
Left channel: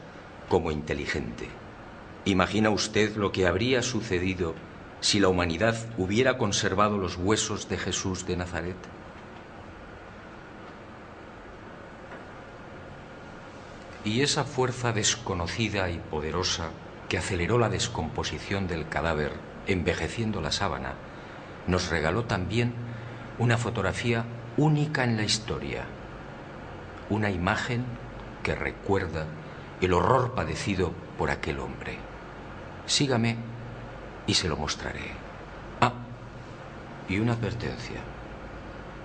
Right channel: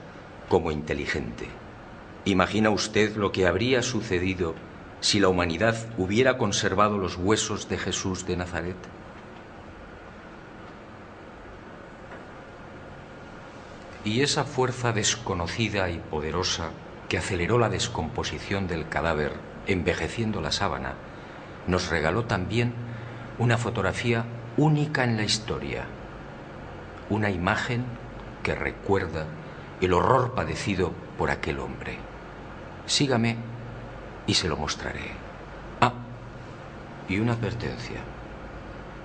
como inteligente. ¿Imagina usted lo que habría sucedido si la humanidad hubiera conservado los huesos de Jesús de Nazaret? Y esa fuerza desconocida y poderosa que aceleró la descomposición del cadáver, envejeciendo la sábana, nos regaló también una fotografía única en la historia. Una imagen que recuerda el horror padecido por aquel hombre. Sígame y se lo mostraré. Ah, y una advertencia.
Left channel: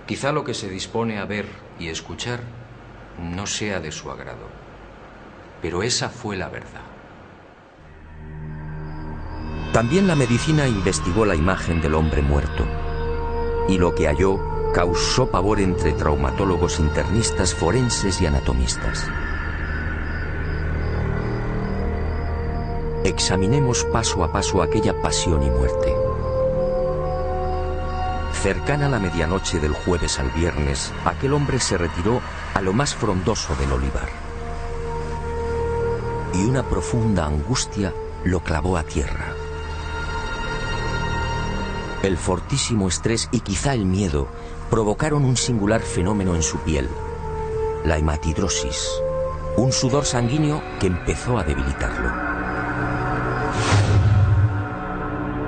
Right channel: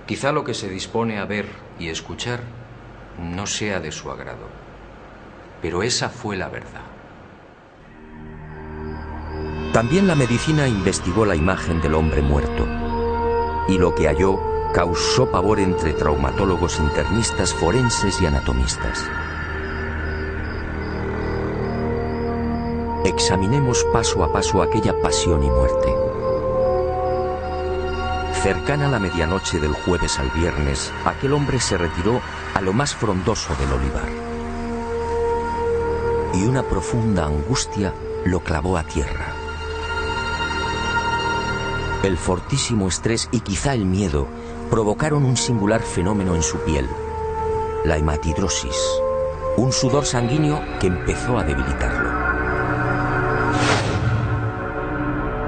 Quizá lo que se dispone a ver y escuchar no sea de su agrado. Pero esa fue la verdad. También la medicina investigó la imagen del hombre muerto, y lo que halló causó pavor entre traumatólogos, internistas, forenses y anatomistas. Examinemos paso a paso aquella pasión y muerte. Cercana a la medianoche del jueves al viernes, aquel hombre se retiró a lo más frondoso del olivar. Y una profunda angustia lo clavó a tierra. El fortísimo estrés y quizá el miedo provocaron un singular fenómeno en su piel, la hematidrosis, un sudor sanguíneo que empezó a debilitarlo.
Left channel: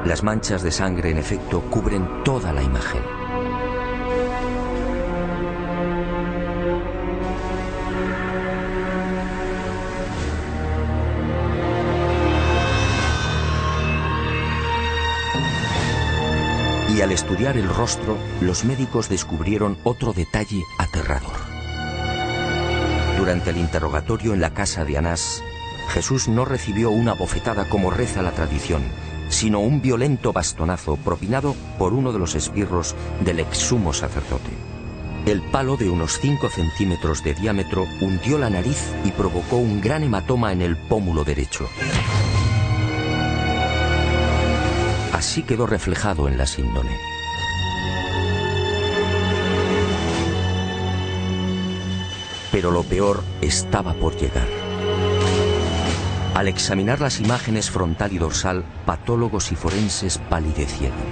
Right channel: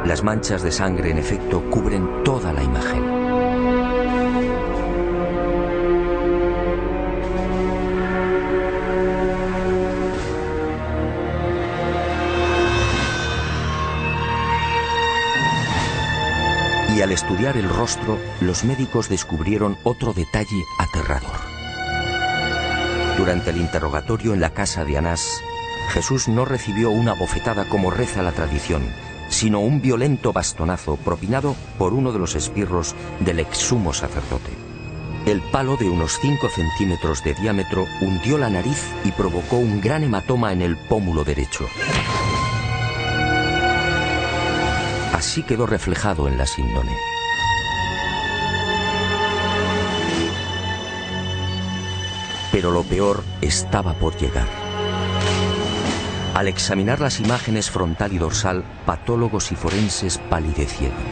Las manchas de sangre, en efecto, cubren toda la imagen. Y al estudiar el rostro, los médicos descubrieron otro detalle aterrador. Durante el interrogatorio en la casa de Anás, Jesús no recibió una bofetada como reza la tradición, sino un violento bastonazo propinado por uno de los esbirros del ex sumo sacerdote. El palo de unos 5 centímetros de diámetro hundió la nariz y provocó un gran hematoma en el pómulo derecho. Así quedó reflejado en la síndone. Pero lo peor estaba por llegar. Al examinar las imágenes frontal y dorsal, patólogos y forenses palidecieron.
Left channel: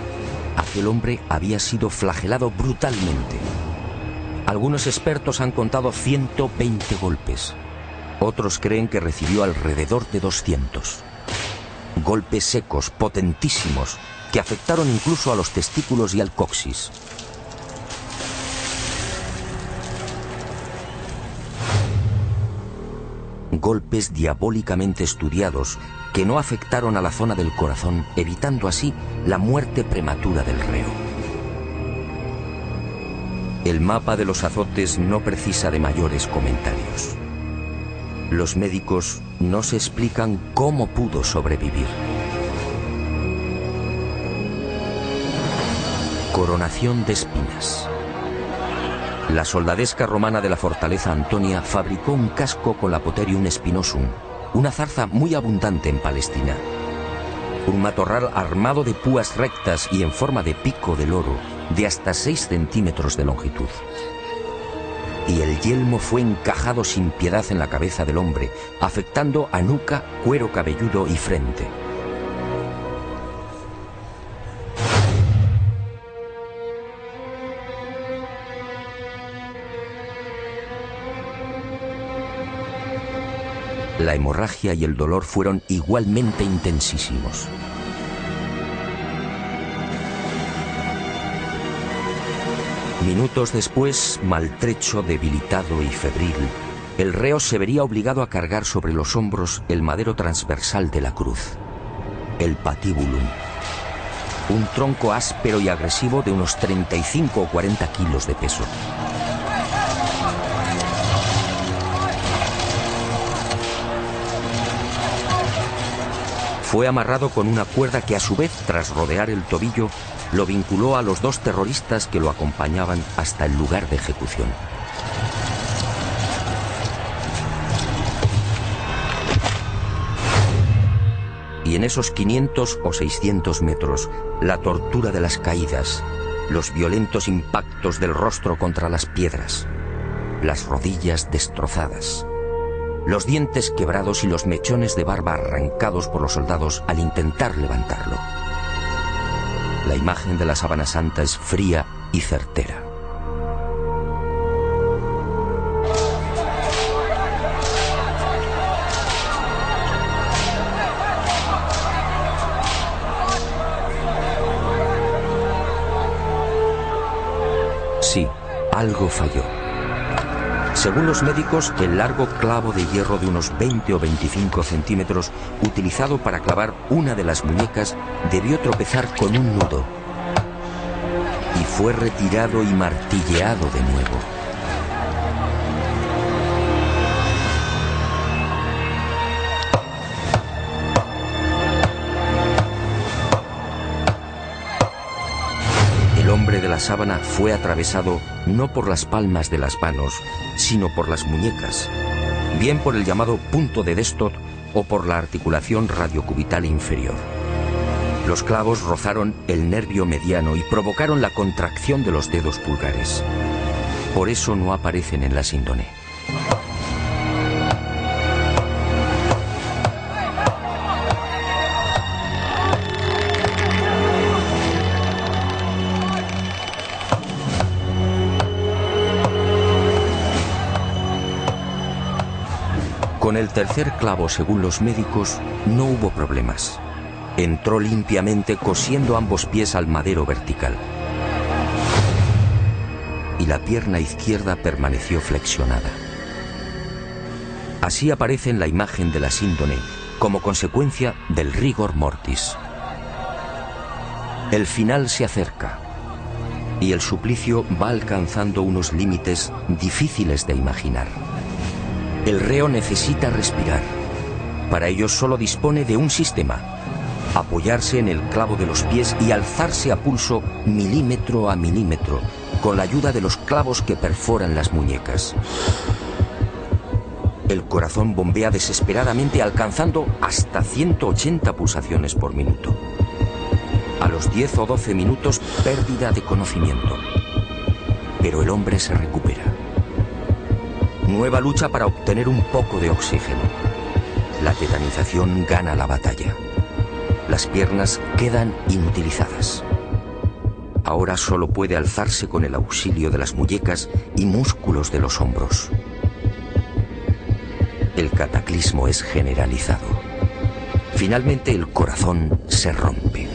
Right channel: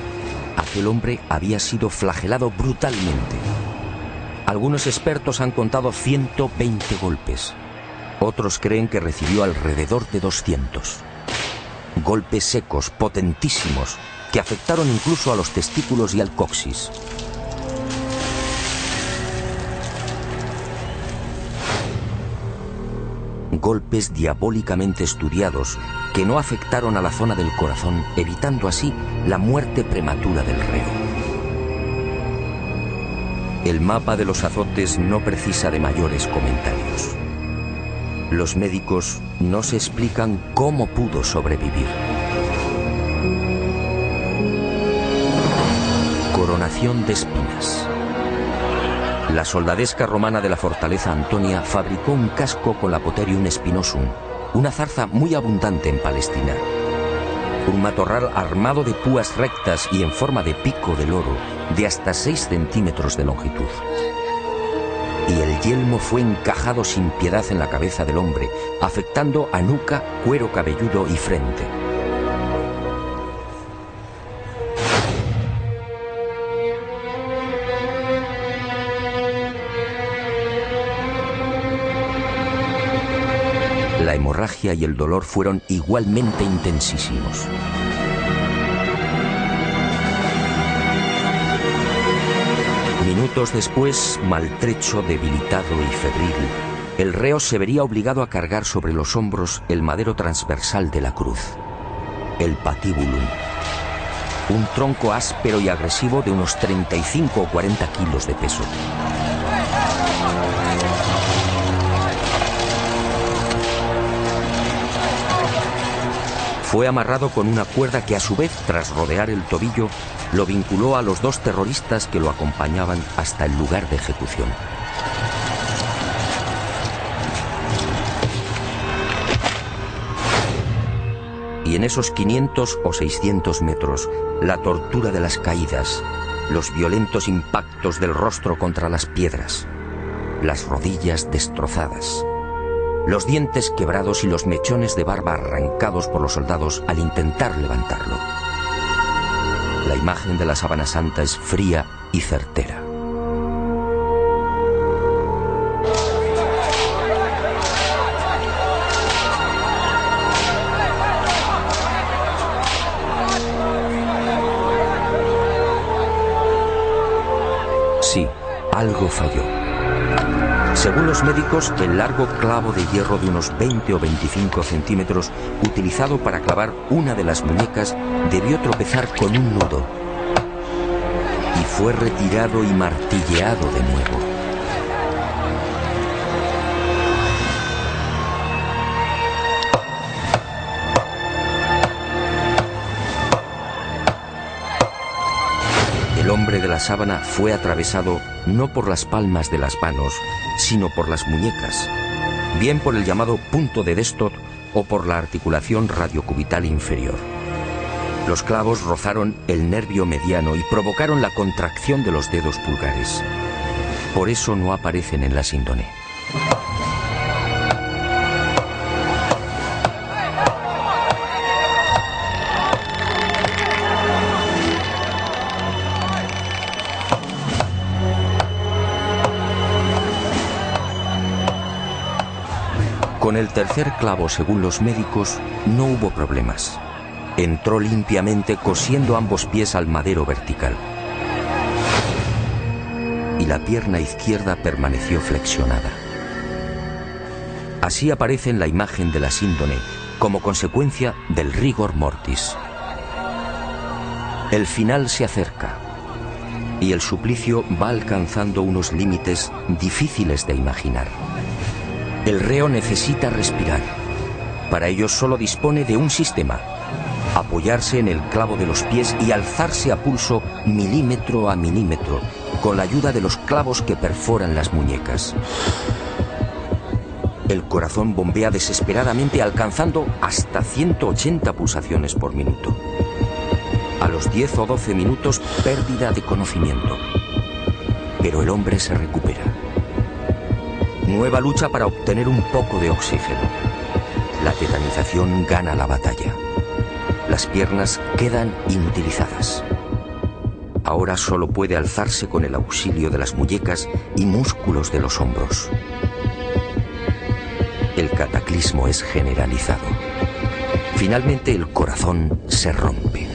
Aquel hombre había sido flagelado brutalmente. Algunos expertos han contado 120 golpes. Otros creen que recibió alrededor de 200. Golpes secos, potentísimos, que afectaron incluso a los testículos y al coxis. Golpes diabólicamente estudiados que no afectaron a la zona del corazón, evitando así la muerte prematura del reo. El mapa de los azotes no precisa de mayores comentarios. Los médicos no se explican cómo pudo sobrevivir. Coronación de espinas. La soldadesca romana de la fortaleza Antonia fabricó un casco con la Potherium spinosum, una zarza muy abundante en Palestina. Un matorral armado de púas rectas y en forma de pico de loro, de hasta 6 centímetros de longitud. Y el yelmo fue encajado sin piedad en la cabeza del hombre, afectando a nuca, cuero cabelludo y frente. La hemorragia y el dolor fueron igualmente intensísimos. Minutos después, maltrecho, debilitado y febril, el reo se vería obligado a cargar sobre los hombros el madero transversal de la cruz, el patibulum, un tronco áspero y agresivo de unos 35 o 40 kilos de peso. Fue amarrado con una cuerda que a su vez, tras rodear el tobillo, lo vinculó a los 2 terroristas que lo acompañaban hasta el lugar de ejecución. Y en esos 500 o 600 metros, la tortura de las caídas, los violentos impactos del rostro contra las piedras, las rodillas destrozadas, los dientes quebrados y los mechones de barba arrancados por los soldados al intentar levantarlo. La imagen de la sábana santa es fría y certera. Sí, algo falló. Según los médicos, el largo clavo de hierro de unos 20 o 25 centímetros utilizado para clavar una de las muñecas debió tropezar con un nudo y fue retirado y martilleado de nuevo. El hombre de la sábana fue atravesado no por las palmas de las manos, sino por las muñecas, bien por el llamado punto de Destot o por la articulación radiocubital inferior. Los clavos rozaron el nervio mediano y provocaron la contracción de los dedos pulgares. Por eso no aparecen en la síndone. Con el tercer clavo, según los médicos, no hubo problemas. Entró limpiamente cosiendo ambos pies al madero vertical. Y la pierna izquierda permaneció flexionada. Así aparece en la imagen de la síndone como consecuencia del rigor mortis. El final se acerca y el suplicio va alcanzando unos límites difíciles de imaginar. El reo necesita respirar. Para ello solo dispone de un sistema: apoyarse en el clavo de los pies y alzarse a pulso milímetro a milímetro, con la ayuda de los clavos que perforan las muñecas. El corazón bombea desesperadamente, alcanzando hasta 180 pulsaciones por minuto. A los 10 o 12 minutos, pérdida de conocimiento. Pero el hombre se recupera. Nueva lucha para obtener un poco de oxígeno. La tetanización gana la batalla. Las piernas quedan inutilizadas. Ahora solo puede alzarse con el auxilio de las muñecas y músculos de los hombros. El cataclismo es generalizado. Finalmente el corazón se rompe.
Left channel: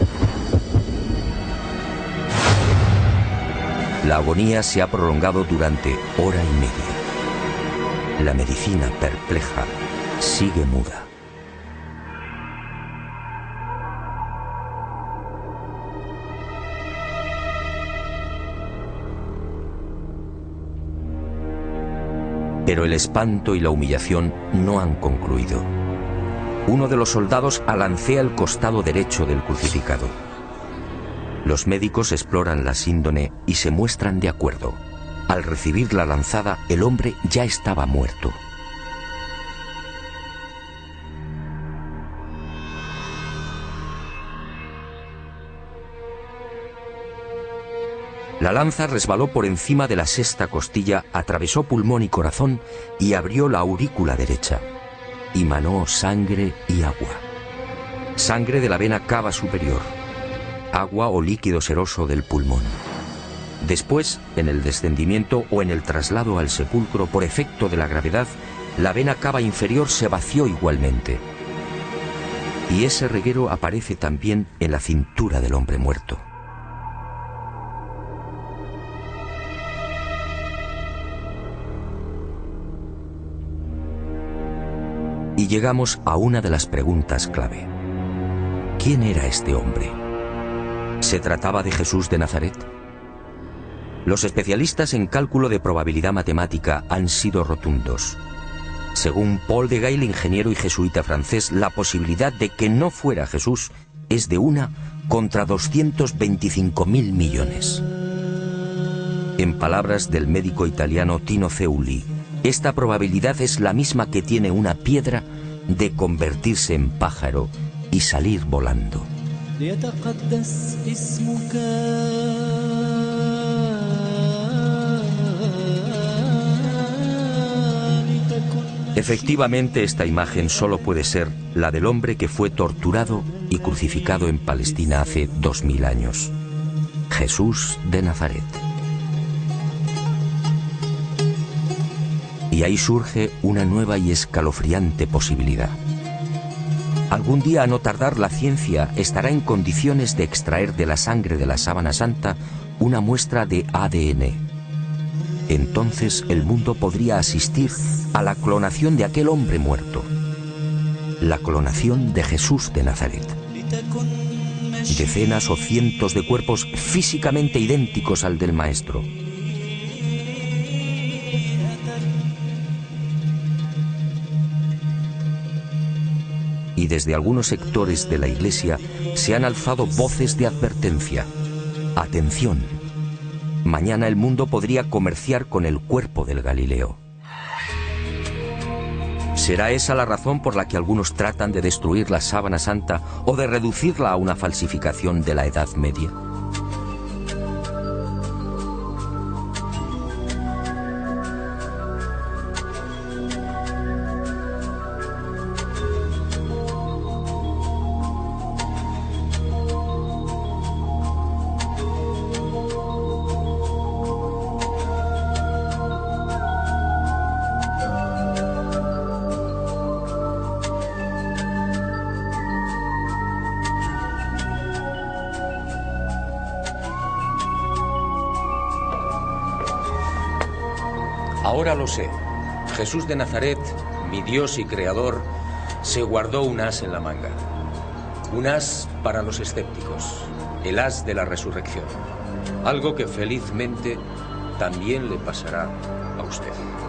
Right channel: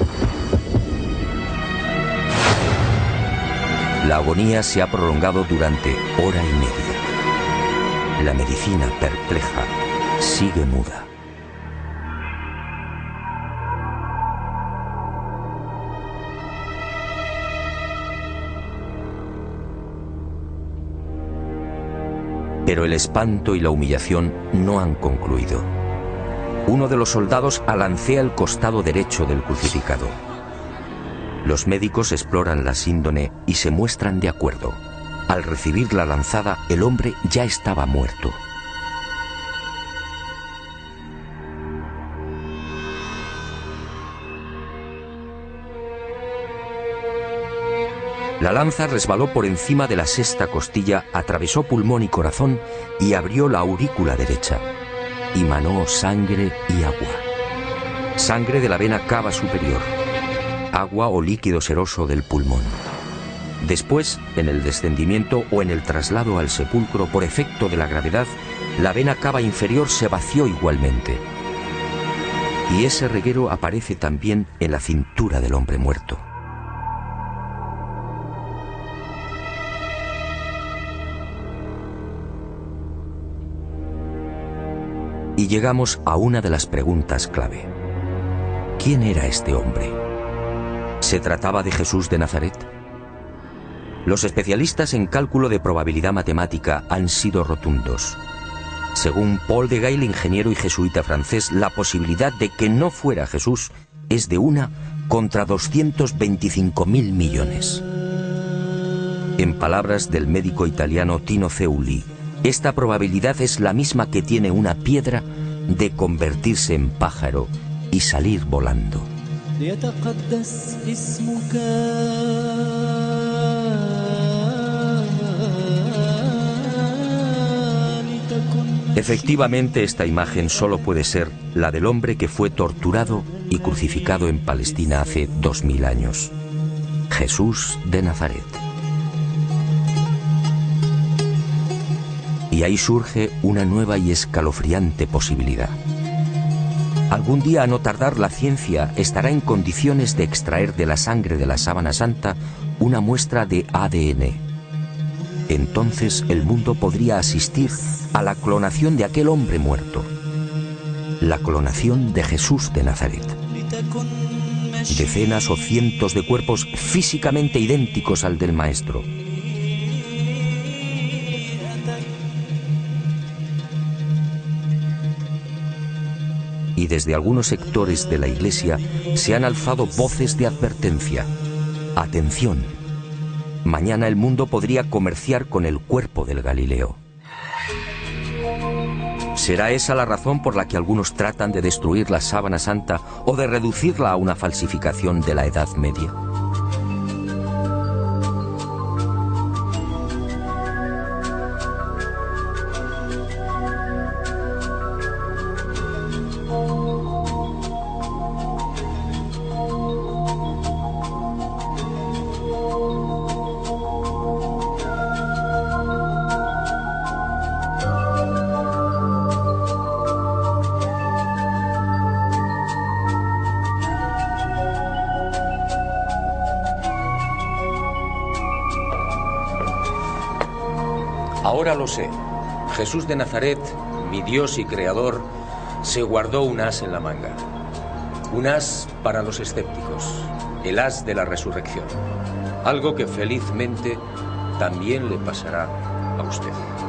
La agonía se ha prolongado durante hora y media. La medicina, perpleja, sigue muda. Pero el espanto y la humillación no han concluido. Uno de los soldados alancea el costado derecho del crucificado. Los médicos exploran la síndone y se muestran de acuerdo. Al recibir la lanzada, el hombre ya estaba muerto. La lanza resbaló por encima de la sexta costilla, atravesó pulmón y corazón y abrió la aurícula derecha. Y manó sangre y agua. Sangre de la vena cava superior. Agua o líquido seroso del pulmón. Después, en el descendimiento o en el traslado al sepulcro por efecto de la gravedad, la vena cava inferior se vació igualmente. Y ese reguero aparece también en la cintura del hombre muerto. Y llegamos a una de las preguntas clave. ¿Quién era este hombre? ¿Se trataba de Jesús de Nazaret? Los especialistas en cálculo de probabilidad matemática han sido rotundos. Según Paul de Gail, ingeniero y jesuita francés, la posibilidad de que no fuera Jesús es de 1 contra 225.000 millones. En palabras del médico italiano Tino Zeuli, esta probabilidad es la misma que tiene una piedra de convertirse en pájaro y salir volando. Efectivamente, esta imagen solo puede ser la del hombre que fue torturado y crucificado en Palestina hace 2000 años. Jesús de Nazaret. Y ahí surge una nueva y escalofriante posibilidad. Algún día, a no tardar, la ciencia estará en condiciones de extraer de la sangre de la Sábana Santa una muestra de ADN. Entonces el mundo podría asistir a la clonación de aquel hombre muerto. La clonación de Jesús de Nazaret. Decenas o cientos de cuerpos físicamente idénticos al del Maestro. Y desde algunos sectores de la Iglesia se han alzado voces de advertencia. Atención, mañana el mundo podría comerciar con el cuerpo del Galileo. ¿Será esa la razón por la que algunos tratan de destruir la Sábana Santa o de reducirla a una falsificación de la Edad Media? Ahora lo sé. Jesús de Nazaret, mi Dios y Creador, se guardó un as en la manga. Un as para los escépticos, el as de la resurrección. Algo que felizmente también le pasará a usted.